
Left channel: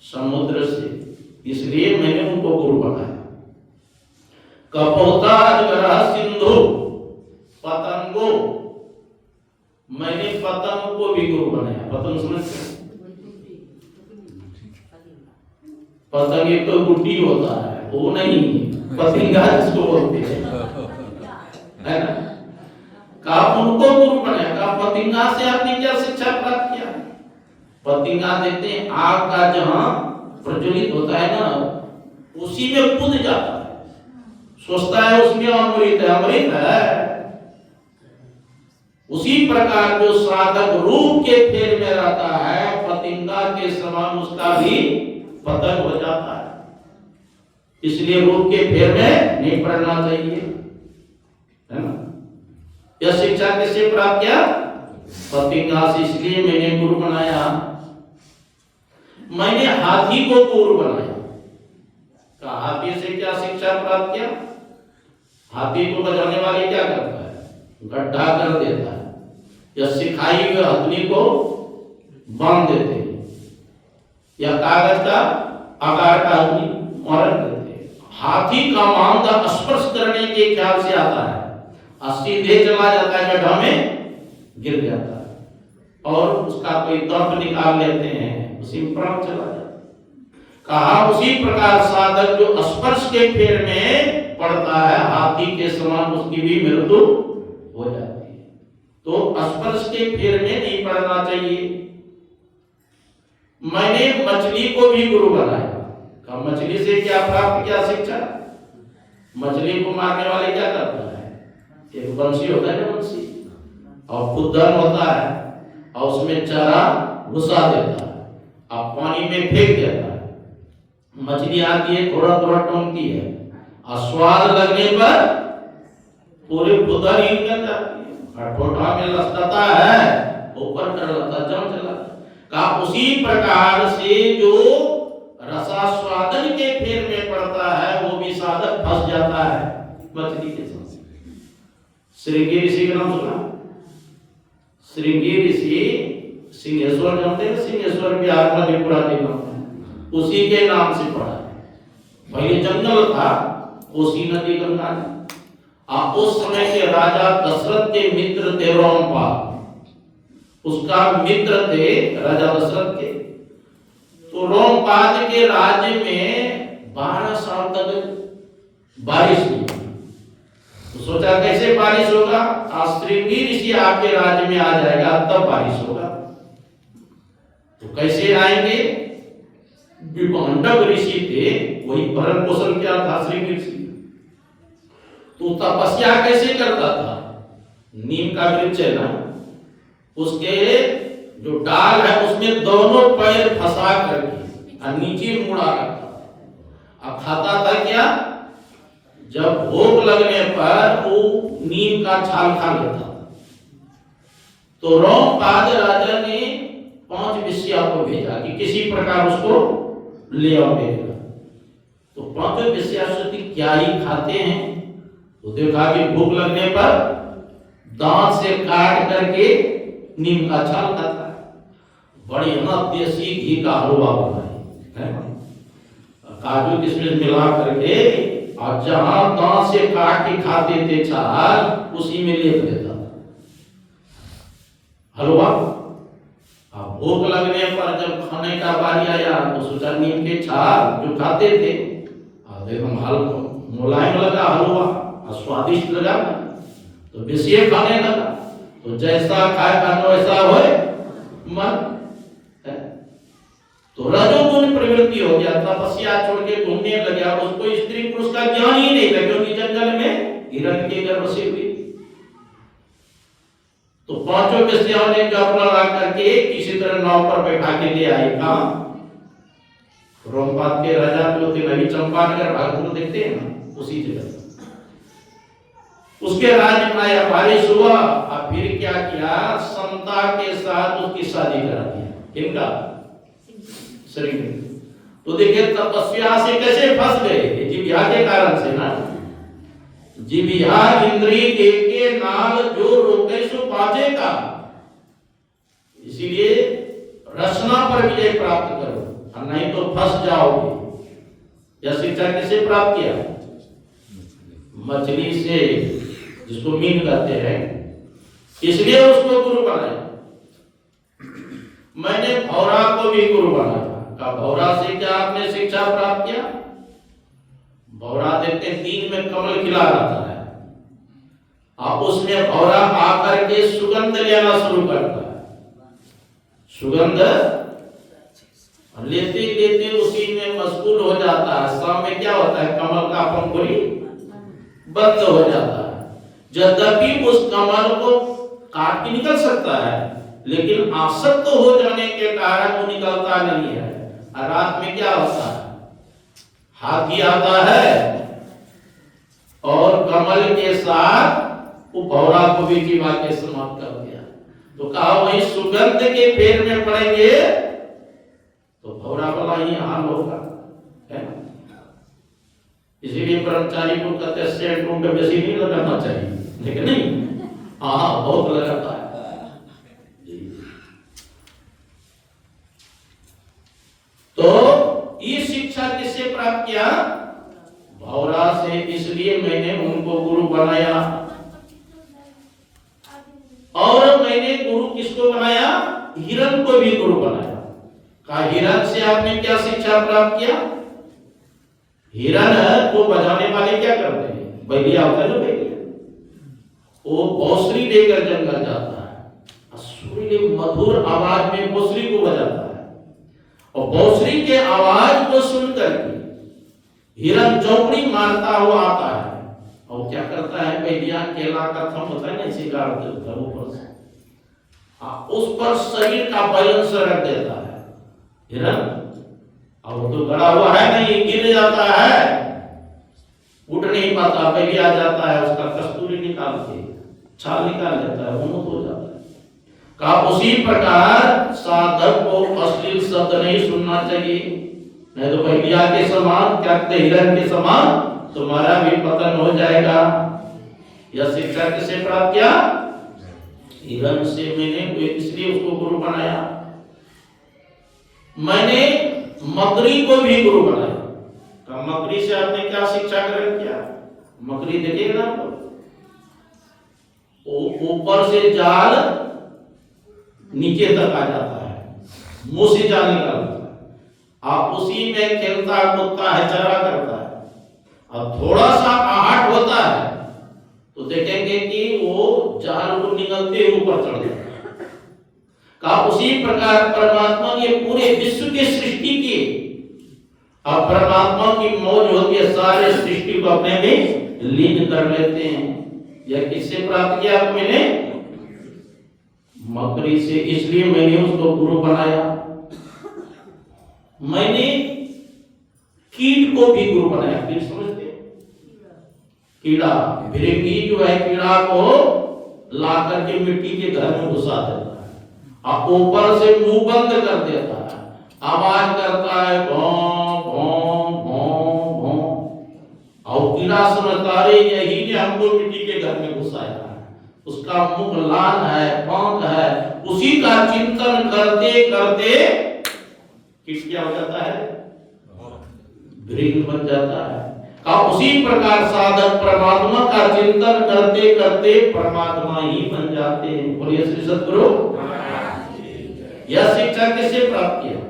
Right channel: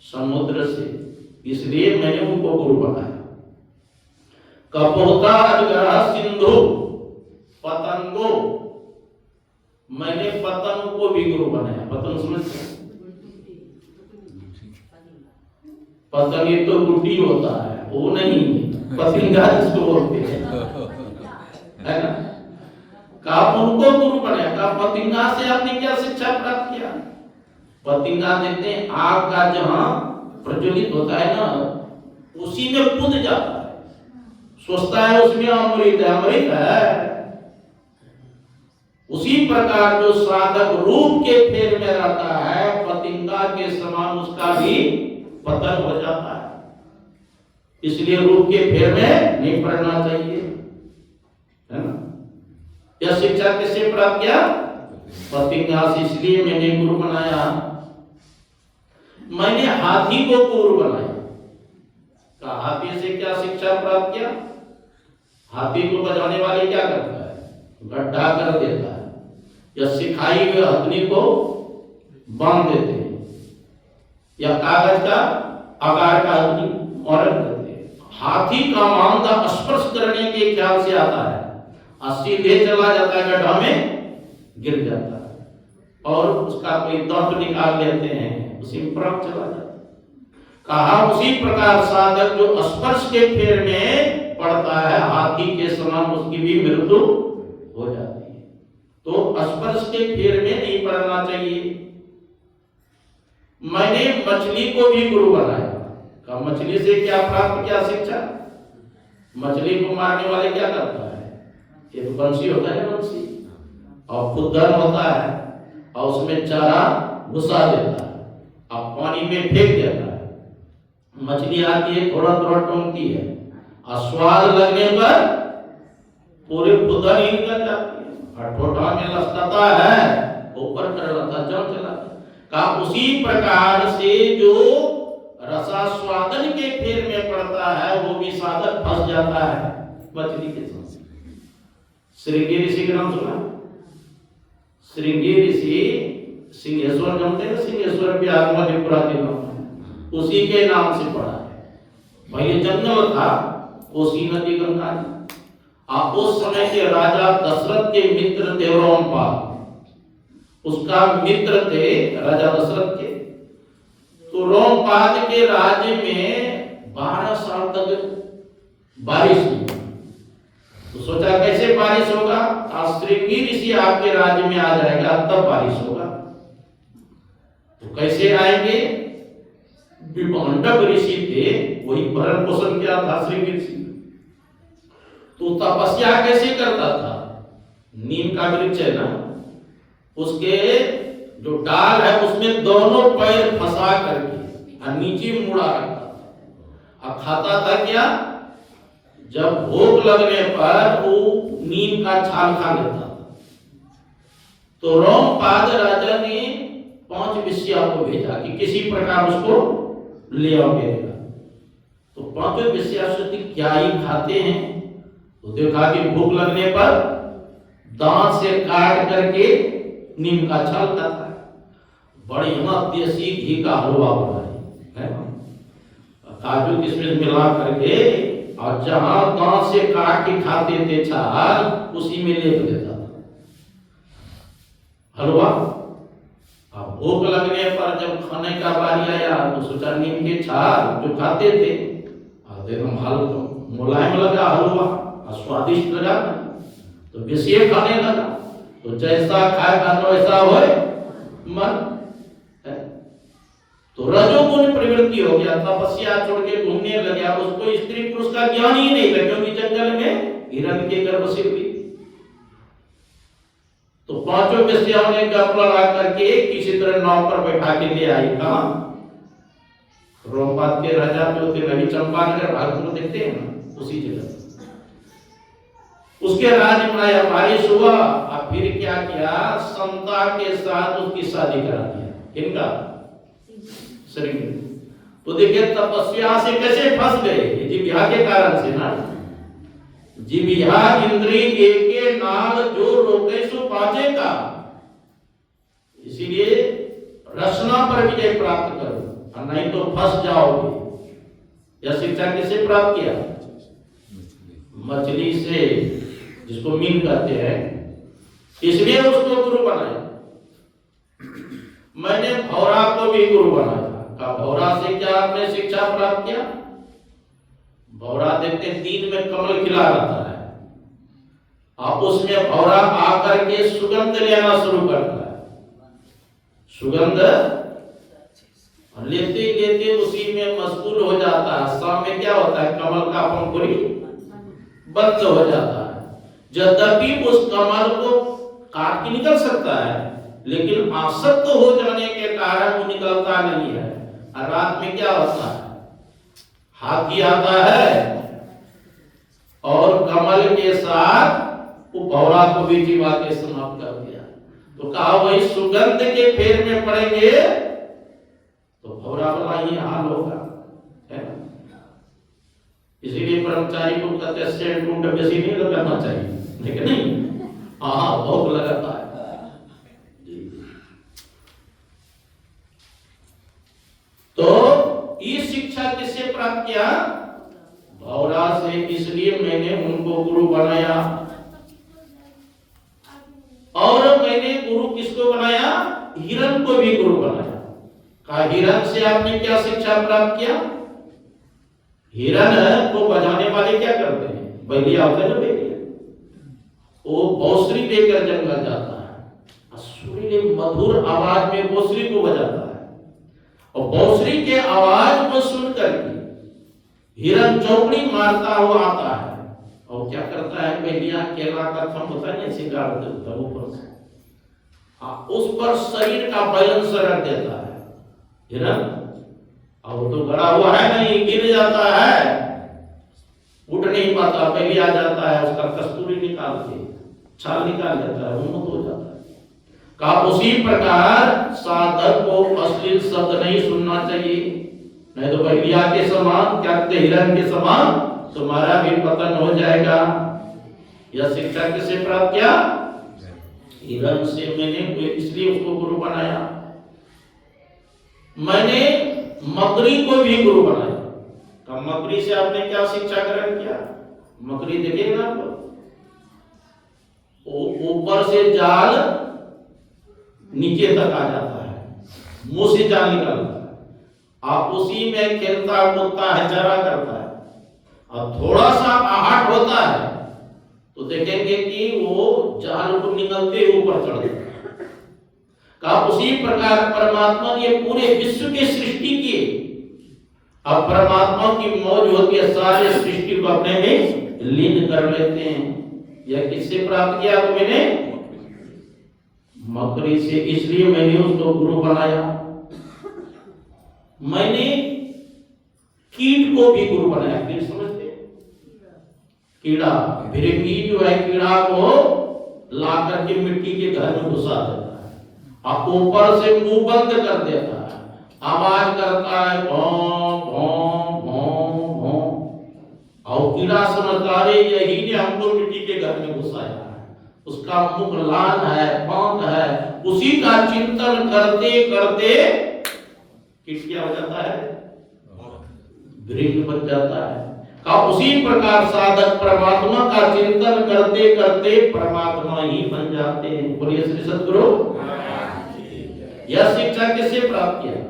समुद्र से। इसलिए मैंने उनको गुरु बनाया। कपोता अजगरा सिंधु पतंगो, मैंने पतंग को भी गुरु बनाया। पतंग समझते? पतंग एक तो गुड्डी होता है, वो नहीं, पतंगा जिसको बोलते हैं, है ना? कहा उनको गुरु बनाया। कहा पतंगा से आपने क्या शिक्षा प्राप्त किया? पतंगा देखते हैं आग का जहां प्रज्वलित होता है ना, उसी में कूद जाता है, सोचता है उसमें अमृत है, अमृत है। उसी प्रकार जो साधक रूप के फेर में रहता है, पतंगा के समान उसका भी पतन हो जाता है। इसलिए रूप के फेर में नहीं पड़ना चाहिए, है ना? यह शिक्षा किससे प्राप्त किया? पतंगा से। इसलिए मैंने गुरु बनाया। मैंने हाथी को गुरु बनाया। कहा हाथी से क्या शिक्षा प्राप्त किया? हाथी को बजाने वाले क्या करता है? गड्ढा कर देता है, या सिखाई हुए हथनी को बांध देते हैं, या कागज का आकार का हथनी और रख देते हैं। हाथी का मांदा स्पर्श करने के ख्याल से आता है और सीधे चला जाता है, गड्ढा में गिर जाता है, और उसका कोई दंत निकाल लेते हैं, उसी में प्राण चला जाता है। कहा उसी प्रकार साधक जो स्पर्श के फेर में पड़ता है, हाथी के समान उसकी भी मृत्यु हो जाती है। तो स्पर्श के फेर में नहीं पड़ना चाहिए। मैंने मछली को भी गुरु बनाया। कहा मछली से क्या प्राप्त किया शिक्षा? मछली को मारने वाले क्या करता है? एक बंसी होता है ना, बंसी, और खुद्दन होता है, और उसमें चारा घुसा देता है, अब पानी में फेंक देता है। मछली आती है, थोड़ा थोड़ा टोंकती है, और स्वाद लगने पर पूरे खुदन ही निकल जाती है, और ठोठा में लसकाता है, ऊपर कर लाता जम चला। कहा उसी प्रकार से जो रसास्वादन के फेर में पड़ता है, वो भी साधक फंस जाता है मछली के साथ। श्रृंगी ऋषि का नाम सुना? श्रृंगी ऋषि सिंहेश्वर जानते हैं? सिंहेश्वर बिहार मधेपुरा के नाम, उसी के नाम से पड़ा है। पहले जंगल था, कोसी नदी गंगा ने। उस समय के राजा दशरथ के मित्र थे रोमपाल, उसका मित्र थे राजा दशरथ के। तो रोमपाल के राज्य में 12 साल तक बारिश नहीं। तो सोचा कैसे बारिश होगा? श्रृंगी ऋषि आपके राज्य में आ जाएगा तब बारिश होगा। तो कैसे आएंगे? विभंडक ऋषि थे, वही भरण पोषण किया था श्रृंगी ऋषि। तो तपस्या कैसे करता था? नीम का वृक्ष है ना, उसके जो डाल है उसमें दोनों पैर फंसा करके और नीचे मुड़ा रखता था। अब खाता था क्या? जब भूख लगने पर वो नीम का छाल खा लेता था। तो रोमपाद राजा ने 5 वेश्या को भेजा कि किसी प्रकार उसको ले आओ भेजा। तो 5 वेश्या सोचती क्या ही खाते हैं, तो देखा कि भूख लगने पर दांत से काट करके नीम का छाल खाता है। बढ़िया देसी घी का हलवा बनाए है, काजू किशमिश मिला करके, और जहां दांत से काट के खाते थे छाल, उसी में लेप देता था हलवा। अब भूख लगने पर जब खाने का बारी आया तो सोचा नीम के छाल जो खाते थे तो एकदम हल्का मुलायम लगा हलवा और स्वादिष्ट लगा, तो विषय खाने लगा। तो जैसा खाए खाना वैसा होए मन। तो रजोगुण प्रवृत्ति हो गया, तपस्या छोड़ के घूमने लग गया। उसको स्त्री पुरुष का ज्ञान ही नहीं था, क्योंकि जंगल में हिरण के गर्भ से हुई। तो पांचों वेश्याओं ने गप लड़ा करके किसी तरह नाव पर बैठा के ले आई। कहा? रोमपाद के राजा जो थे, नवी चंपानगर भागपुर देखते हैं ना, उसी जगह। उसके राज्य में आया, बारिश हुआ और फिर क्या किया, समता के साथ उसकी शादी करा दिया। किनका? श्री। तो देखिए तपस्या से कैसे फंस गए, जिह्वा के कारण से ना। जिह्वा इंद्रिय के नाल जो रोके सो पाचे का, इसीलिए रसना पर विजय प्राप्त करो, और नहीं तो फंस जाओगे। यह शिक्षा किससे प्राप्त किया? मछली से, जिसको मीन कहते हैं, इसलिए उसको गुरु बनाया। मैंने भौरा को भी गुरु बनाया। का भौरा से क्या आपने शिक्षा प्राप्त किया? भौरा देखते हैं दिन में कमल खिला रहता है, अब उसमें भौरा आकर के सुगंध लेना शुरू करता है। सुगंध लेते लेते उसी में मशगूल हो जाता है। शाम में क्या होता है, कमल का पंखुड़ी बंद हो जाता है। यद्यपि उस कमल को काट के निकल सकता है, लेकिन आसक्त हो जाने के कारण वो निकलता नहीं है। और रात में क्या होता है, हाथी आता है और कमल के साथ वो भौरा को भी जीवा के समाप्त कर दिया। तो कहा वही सुगंध के फेर में पड़ेंगे तो भौरा वाला ही हाल होगा, है ना। इसीलिए ब्रह्मचारी को कहते हैं सेंट उंड बेसी नहीं लगाना चाहिए, लेकिन नहीं, हाँ बहुत लगाता है। तो ये शिक्षा किससे प्राप्त किया? भौरा से। इसलिए मैंने उनको गुरु बनाया। और मैंने गुरु किसको बनाया? हिरण को भी गुरु बनाया। कहा हिरण से आपने क्या शिक्षा प्राप्त किया? हिरण को बजाने वाले क्या करते हैं? बैलिया होते हैं ना, बैलिया, वो बौसरी लेकर जंगल जाता है, सुरीले मधुर आवाज में बौसरी को बजाता है। और बौसरी के आवाज को सुनकर के हिरण चौकड़ी मारता हुआ आता है, और क्या करता है, बैलिया केला का थम होता है ना, इसे गाड़ देता है ऊपर से, उस पर शरीर का बैलेंस रख देता है हिरण। अब तो गड़ा हुआ है नहीं, गिर जाता है, उठ नहीं पाता, बैलिया जाता है, उसका कस्तूरी निकाल के छाल निकाल देता है, उन्नत हो जाता है। का उसी प्रकार साधक को अश्लील शब्द नहीं सुनना चाहिए, नहीं तो बैलिया के समान, क्या कहते, हिरण के समान तुम्हारा भी पतन हो जाएगा। यह शिक्षा किससे प्राप्त किया? हिरण से। मैंने इसलिए उसको गुरु बनाया। मैंने मकड़ी को भी गुरु बनाया। का मकड़ी से आपने क्या शिक्षा ग्रहण किया? मकड़ी देखिएगा आपको, ऊपर से जाल नीचे तक आ जाता है, मुंह से जाल निकालता है, आप उसी में खेलता कूदता है, चारा करता है। अब थोड़ा सा आहट होता है तो देखेंगे कि वो जाल को निकलते ऊपर चढ़ जाता है। का उसी प्रकार परमात्मा ने पूरे विश्व की सृष्टि की। अब परमात्मा की मौज होती है, सारे सृष्टि को अपने में लीन कर लेते हैं। यह किससे प्राप्त किया? मैंने मकड़ी से। इसलिए मैंने उसको गुरु बनाया। मैंने कीट को भी गुरु बनाया। कीट समझते? कीड़ा, भिरकी जो है, कीड़ा को ला करके मिट्टी के घर में घुसा देता है, अब ऊपर से मुंह बंद कर देता है, आवाज करता है भौं भौं भौं भौं। और कीड़ा समझता है यही ने हमको मिट्टी के घर में घुसाया है, उसका मुख लाल है, पंख है। उसी का चिंतन करते करते कीट क्या हो जाता है? भृंग बन जाता है। अब उसी प्रकार साधक परमात्मा का चिंतन करते करते परमात्मा ही बन जाते हैं। बोलिए श्री सद्गुरु। यह शिक्षा किससे प्राप्त किया?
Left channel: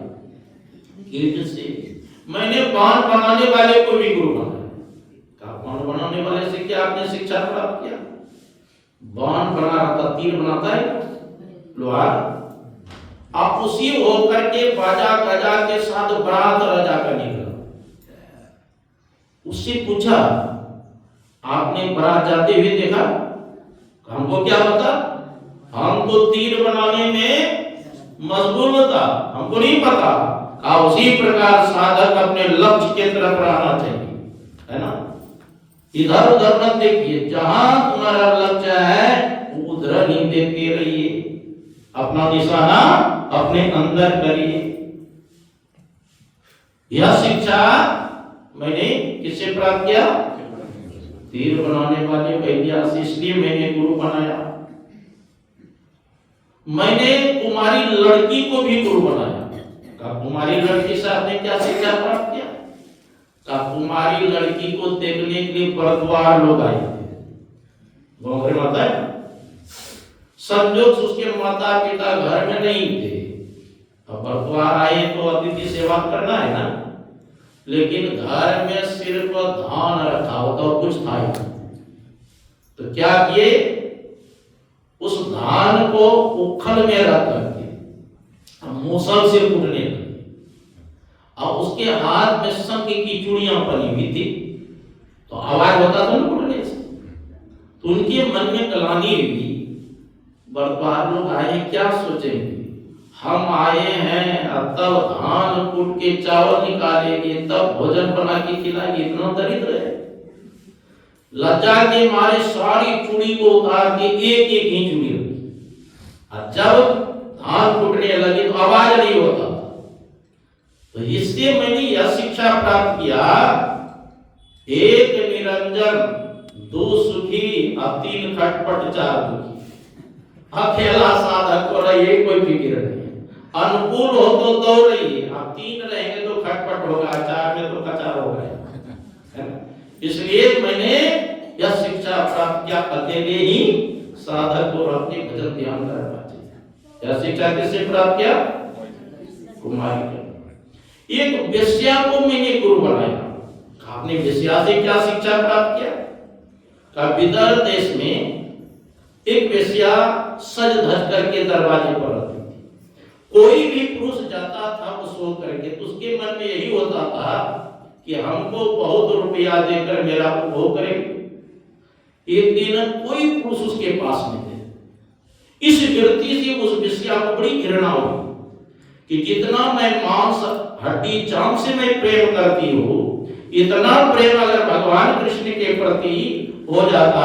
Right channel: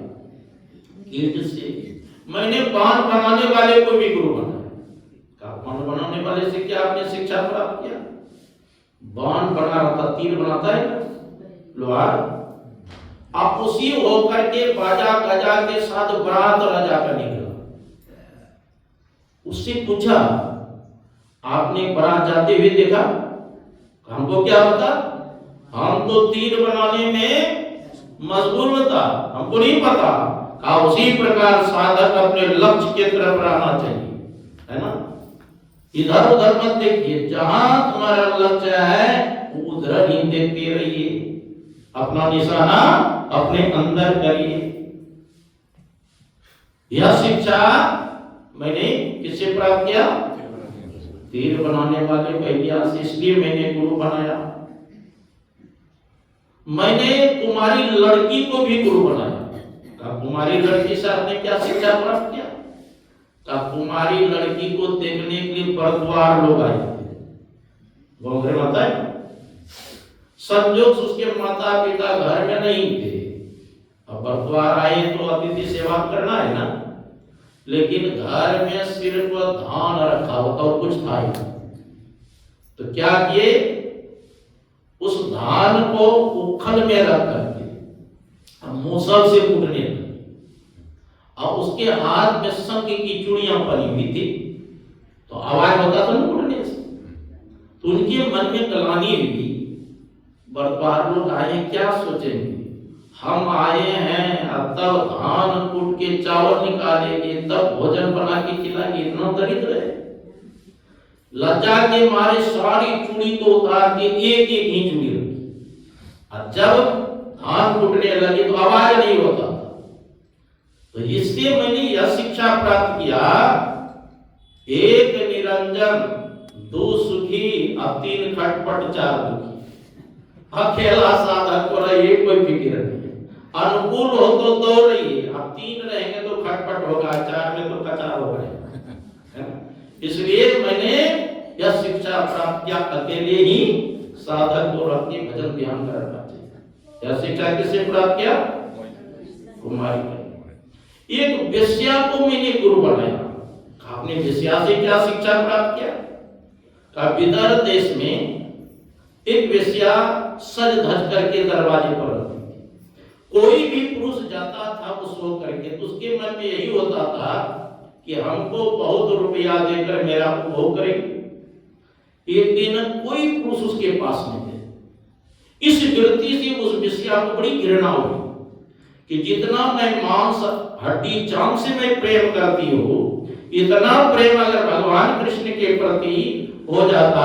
कीट से। मैंने बाण बनाने वाले को भी गुरु बनाया। कहा बाण बनाने वाले से क्या आपने शिक्षा प्राप्त किया? बाण बना रहा था, तीर बनाता है लोहार, आप उसी होकर के बाजा गजा के साथ बारात राजा का निकला। उससे पूछा आपने बारात जाते हुए देखा? हमको क्या पता, हम तो तीर बनाने में मशगूल था, हमको नहीं पता। कहा उसी प्रकार साधक अपने लक्ष्य के तरफ रहना चाहिए, है ना। इधर उधर मत देखिए, जहां तुम्हारा लक्ष्य है उधर ही देखते रहिए, अपना निशाना अपने अंदर करिए। यह शिक्षा मैंने किससे प्राप्त किया? तीर बनाने वाले भैया से, इसलिए मैंने गुरु बनाया। मैंने कुमारी लड़की को भी गुरु बनाया। कहा कुमारी लड़की से आपने क्या शिक्षा प्राप्त किया? कहा कुमारी लड़की को देखने के लिए बरद्वार लोग आए थे, घोंघरे माता है, संजोग उसके माता पिता घर में नहीं थे। अब बरद्वार आए तो अतिथि सेवा करना है ना, लेकिन घर में सिर्फ धान रखा होता और कुछ था ही। तो क्या किए, उस धान को उखल में रख करके मूसल से कूटने लगे। अब उसके हाथ में शंख की चूड़ियां बनी हुई थी, तो आवाज होता था ना कूटने से। तो उनके मन में गलानी हुई, बरद्वार लोग आए क्या सोचेंगे, हम आए हैं तब धान कूट के चावल निकालेंगे, तब भोजन बना के खिलाएंगे, इतना दरिद्र है। लज्जा के मारे सारी चूड़ी को उतार के एक एक ही चूड़ी रखी, और जब धान कूटने लगे तो आवाज नहीं होता था। तो इससे मैंने यह शिक्षा प्राप्त किया, एक निरंजन, दो सुखी और तीन खटपट चार दुखी। अकेला साधक को रहिए, कोई फिक्र नहीं, अनुकूल हो तो दो रहिए, आप तीन रहेंगे तो खटपट होगा, चार में तो कचार हो गए, है ना। इसलिए मैंने यह शिक्षा प्राप्त किया, अकेले ही साधक को अपने भजन ध्यान करना चाहिए। यह शिक्षा किससे प्राप्त किया? कुमारी का। एक वेश्या को मैंने गुरु बनाया। आपने वेश्या से क्या शिक्षा प्राप्त किया? का विदर्भ देश में एक वेश्या सज धज करके दरवाजे पर रहती थी। कोई भी पुरुष जाता था उसको करके, तो उसके मन में यही होता था कि हमको बहुत रुपया देकर मेरा उपभोग करेंगे। एक दिन कोई पुरुष उसके पास नहीं थे। इस वृत्ति से उस वेश्या को बड़ी घृणा हुई कि जितना मैं मांस हड्डी चाम से मैं प्रेम करती हूँ, इतना प्रेम अगर भगवान कृष्ण के प्रति हो जाता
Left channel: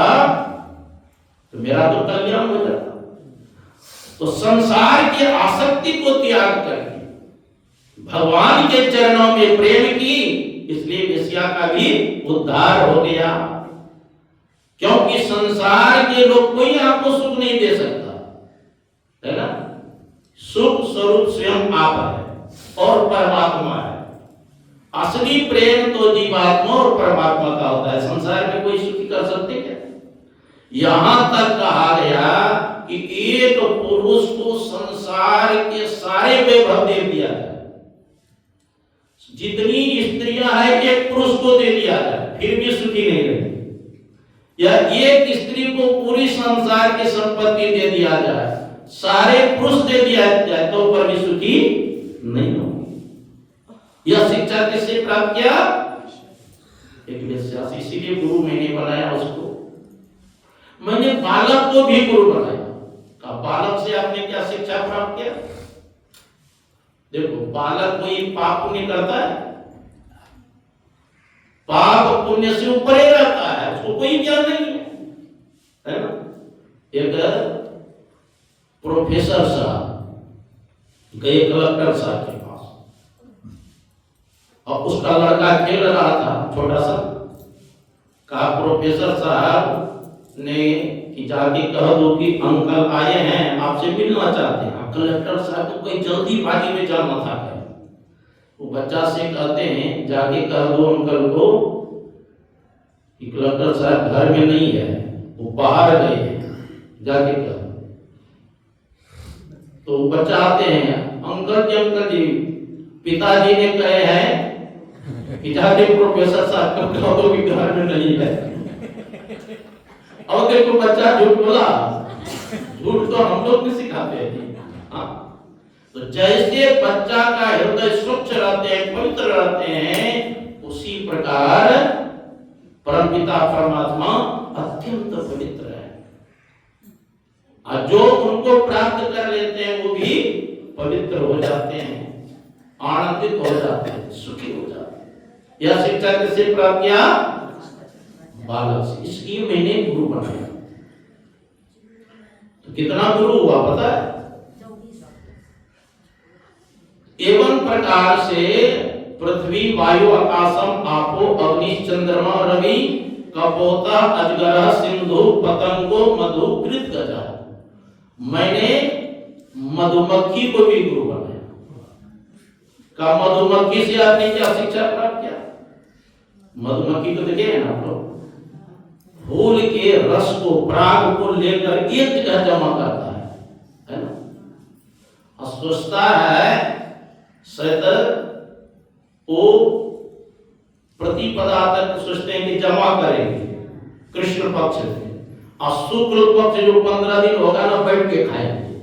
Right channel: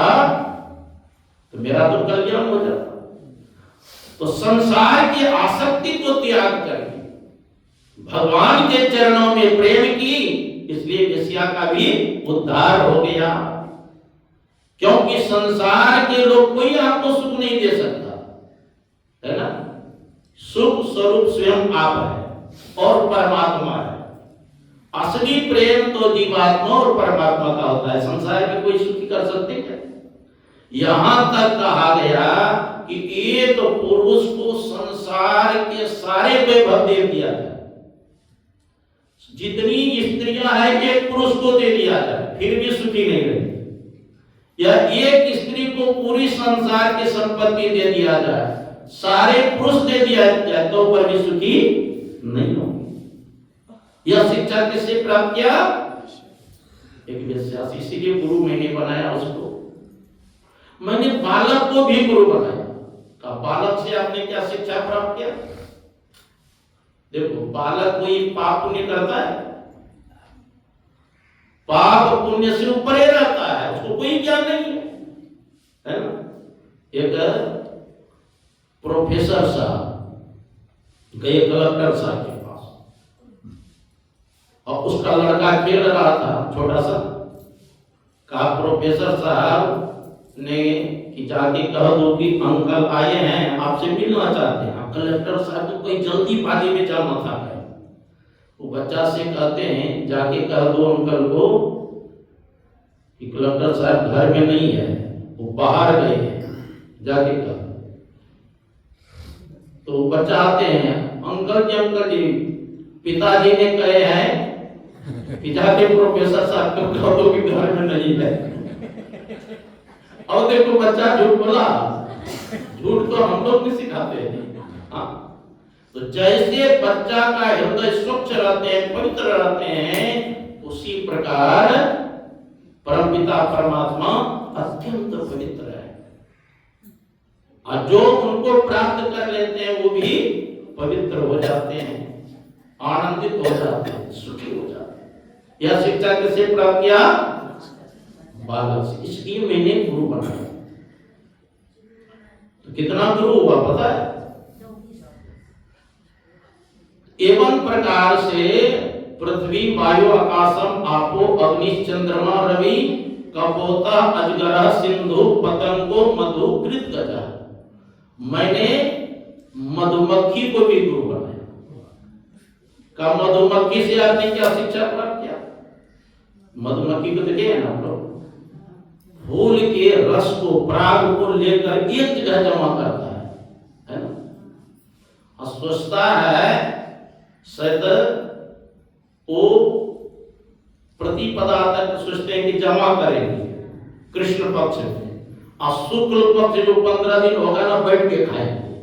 तो मेरा तो कल्याण हो जाता। तो संसार की आसक्ति को त्याग करके भगवान के चरणों में प्रेम की, इसलिए वेश्या का भी उद्धार हो गया। क्योंकि संसार के लोग कोई आपको सुख नहीं दे सकता, है ना। सुख स्वरूप स्वयं आप है और परमात्मा है। असली प्रेम तो जीवात्मा और परमात्मा का होता है। संसार में कोई सुखी कर सकते क्या? यहां तक कहा गया कि एक पुरुष को संसार के सारे वैभव दे दिया जाए, जितनी स्त्रियां हैं एक पुरुष को दे दिया जाए, फिर भी सुखी नहीं रहेगी। या एक स्त्री को पूरी संसार की संपत्ति दे दिया जाए, सारे पुरुष दे दिया जाए, तो पर भी सुखी नहीं होगी। यह शिक्षा किससे प्राप्त किया? एक वेश्या से। इसीलिए गुरु मैंने बनाया उसको। मैंने बालक को भी गुरु बनाया। का बालक से आपने क्या शिक्षा प्राप्त किया? देखो, बालक कोई पाप पुण्य करता है, पाप पुण्य से ऊपर ही रहता है, उसको कोई ज्ञान नहीं है ना। एक प्रोफेसर साहब गए कलेक्टर साहब के पास, और उसका लड़का खेल रहा था छोटा सा। कहा प्रोफेसर साहब ने कि जाके कह दो कि अंकल आए हैं, आपसे मिलना चाहते हैं। कलेक्टर साहब को कोई जल्दीबाजी में जाना था। वो बच्चा से कहते हैं जाके कह दो अंकल को कि कलेक्टर साहब घर में नहीं है, वो बाहर गए हैं, जाके कह दो। तो बच्चा आते हैं, अंकल जी पिताजी ने कहे हैं कि जाके प्रोफेसर साहब को कह दो कि घर में नहीं है। और देखो बच्चा झूठ बोला, झूठ तो हम लोग भी सिखाते हैं। हाँ, तो जैसे बच्चा का हृदय स्वच्छ रहते हैं, पवित्र रहते हैं, उसी प्रकार परमपिता परमात्मा अत्यंत पवित्र है। और जो उनको प्राप्त कर लेते हैं वो भी पवित्र हो जाते हैं, आनंदित हो जाते हैं, सुखी हो जाते हैं। यह शिक्षा किससे प्राप्त किया? बालक से। इसलिए मैंने गुरु बनाया। तो कितना गुरु हुआ पता है? एवं प्रकार से पृथ्वी वायु आकाशम आपो अग्नि चंद्रमा रवि कपोता अजगर सिंधु पतंगो मधु कृत गजा। मैंने मधुमक्खी को भी गुरु बनाया। का मधुमक्खी से आपने क्या शिक्षा प्राप्त किया? मधुमक्खी को देखे ना आप लोग, फूल के रस को, पराग को लेकर एक जगह जमा करता है ना? और सोचता है शायद वो प्रतिपदा तक सोचते हैं कि जमा करेंगे कृष्ण पक्ष में, और शुक्ल पक्ष जो 15 दिन होगा ना बैठ के खाएंगे,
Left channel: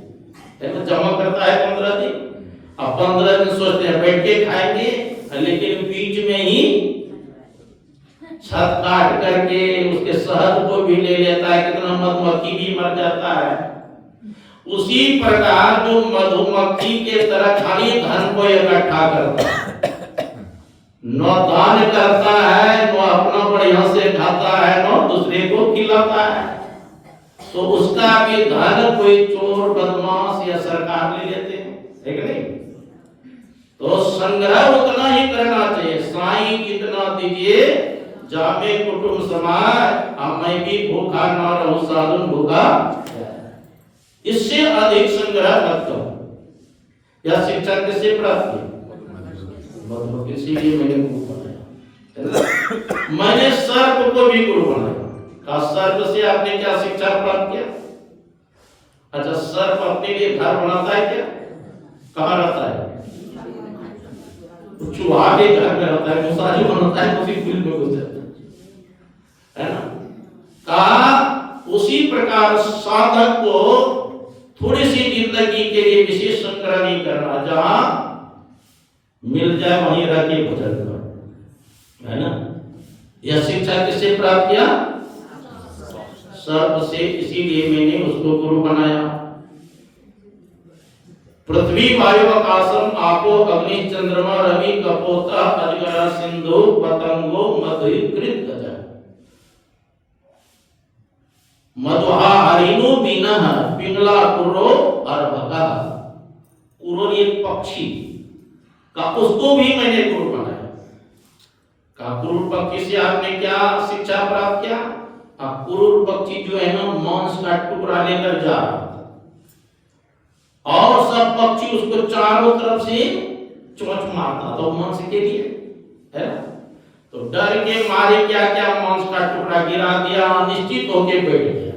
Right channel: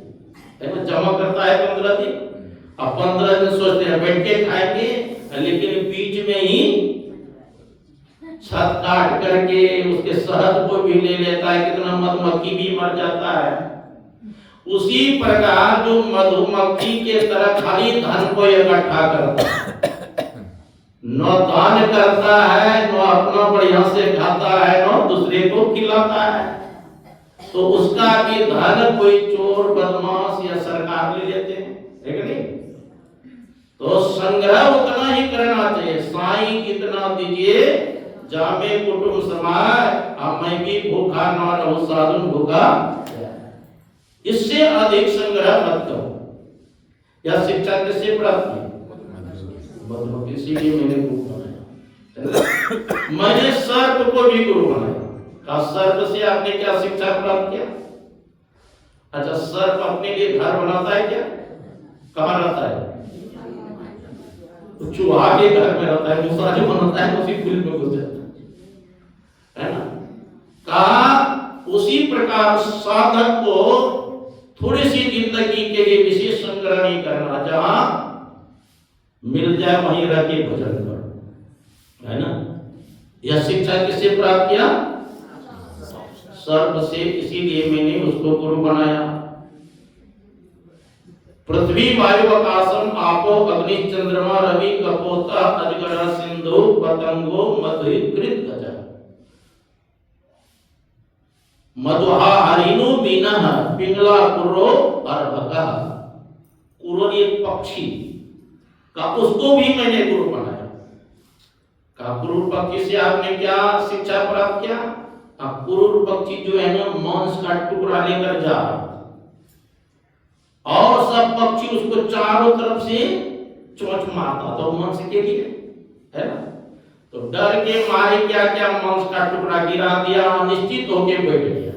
है ना? जमा करता है 15 दिन, अब 15 दिन सोचते हैं बैठ के खाएंगे, लेकिन बीच में ही छत काट करके उसके शहद को भी ले लेता है, कितना मधुमक्खी भी मर जाता है। उसी प्रकार जो मधुमक्खी के तरह खाली धन को इकट्ठा करता है, न दान करता है, न अपना बढ़िया से खाता है, न दूसरे को खिलाता है, तो उसका भी धन कोई चोर बदमाश या सरकार ले लेते हैं, है कि नहीं? तो संग्रह उतना ही करना चाहिए। साईं इतना दीजिए जामे कुटुंब समाज, मैं भी भूखा ना रहूं साधु भूखा, इससे अधिक संग्रह मत करो। यह शिक्षा किससे प्राप्त की? मधुमक्खी। इसीलिए मैंने गुरु बनाया। मैंने सर्प को भी गुरु बनाया। का सर्प से आपने क्या शिक्षा प्राप्त किया? अच्छा, सर्प अपने लिए घर बनाता है क्या? कहाँ रहता है? चूहा के घर में रहता है, दूसरा जो बनाता है उसी फील्ड में घुस जाता है ना? का उसी प्रकार साधक को थोड़ी सी जिंदगी के लिए विशेष संग्रह नहीं करना, जहां मिल जाए वहीं रह के भजन कर, है ना? यह शिक्षा किससे प्राप्त किया? सर्प से। इसीलिए मैंने उसको गुरु बनाया। पृथ्वी वायु आकाशम आपो अग्नि चंद्रमा रवि कपोता अजगर सिंधु पतंगो मधु कृत गजा। मधुहा हरिणो बीनः पिंगला कुर्रो अर्भका। कुर्रो एक पक्षी का, उसको भी मैंने गुरु बनाया। का कुर्र पक्षी से आपने क्या शिक्षा प्राप्त किया? अब कुर्र पक्षी जो है ना, मांस का टुकड़ा लेकर जा रहा था, और सब पक्षी उसको चारों तरफ से चोंच मारता, तो मांस के लिए, है ना? तो डर के मारे क्या क्या मांस का टुकड़ा गिरा दिया और निश्चित होके बैठ गया,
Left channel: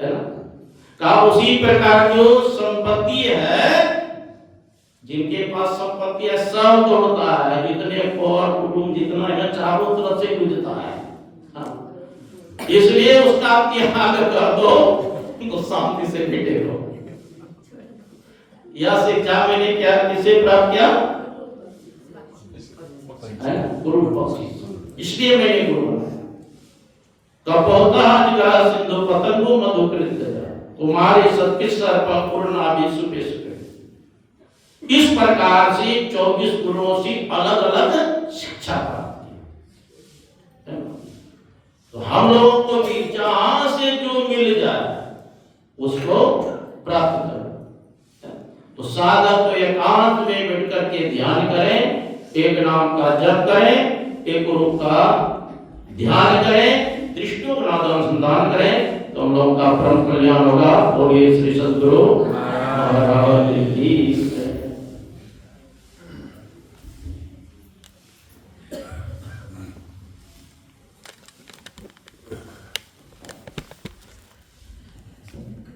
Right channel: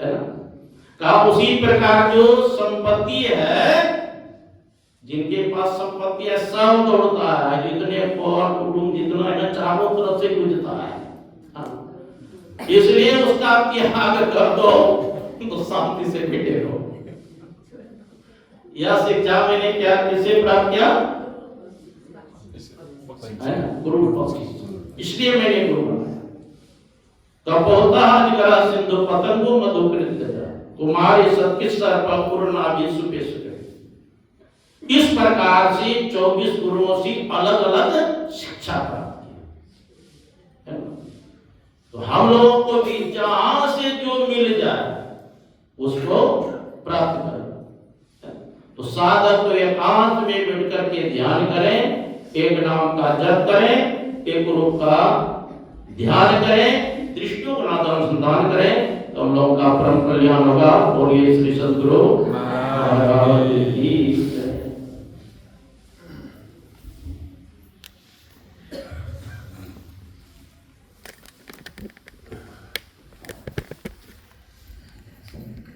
है ना? कहा उसी प्रकार जो संपत्ति है, जिनके पास संपत्ति है सब दौड़ता है, जितने और कुटुंब जितना है ना, चारों तरफ से गुजरता है। इसलिए उसका त्याग कर दो तो शांति से बैठे रहो। यह शिक्षा मैंने क्या किसे प्राप्त किया? गुरु पक्षी। इसलिए मैंने गुरु बनाया। कपोता अजगरा सिंधु पतंगो मधु कृत गजा, तुम्हारे सत्य सर्प पूर्ण आवेश पेश करे। इस प्रकार से 24 गुरुओं से अलग अलग शिक्षा प्राप्त की। तो हम लोगों को भी जहां से जो मिल जाए उसको प्राप्त करें। तो साधक तो एकांत में बैठ करके ध्यान करें, एक नाम का जप करें, एक रूप का ध्यान करें, दृष्टियों का अनुसंधान करें, तो हम लोगों का परम कल्याण होगा। बोलिए श्री सद्गुरु महाराज की।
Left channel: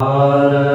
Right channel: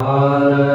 Hare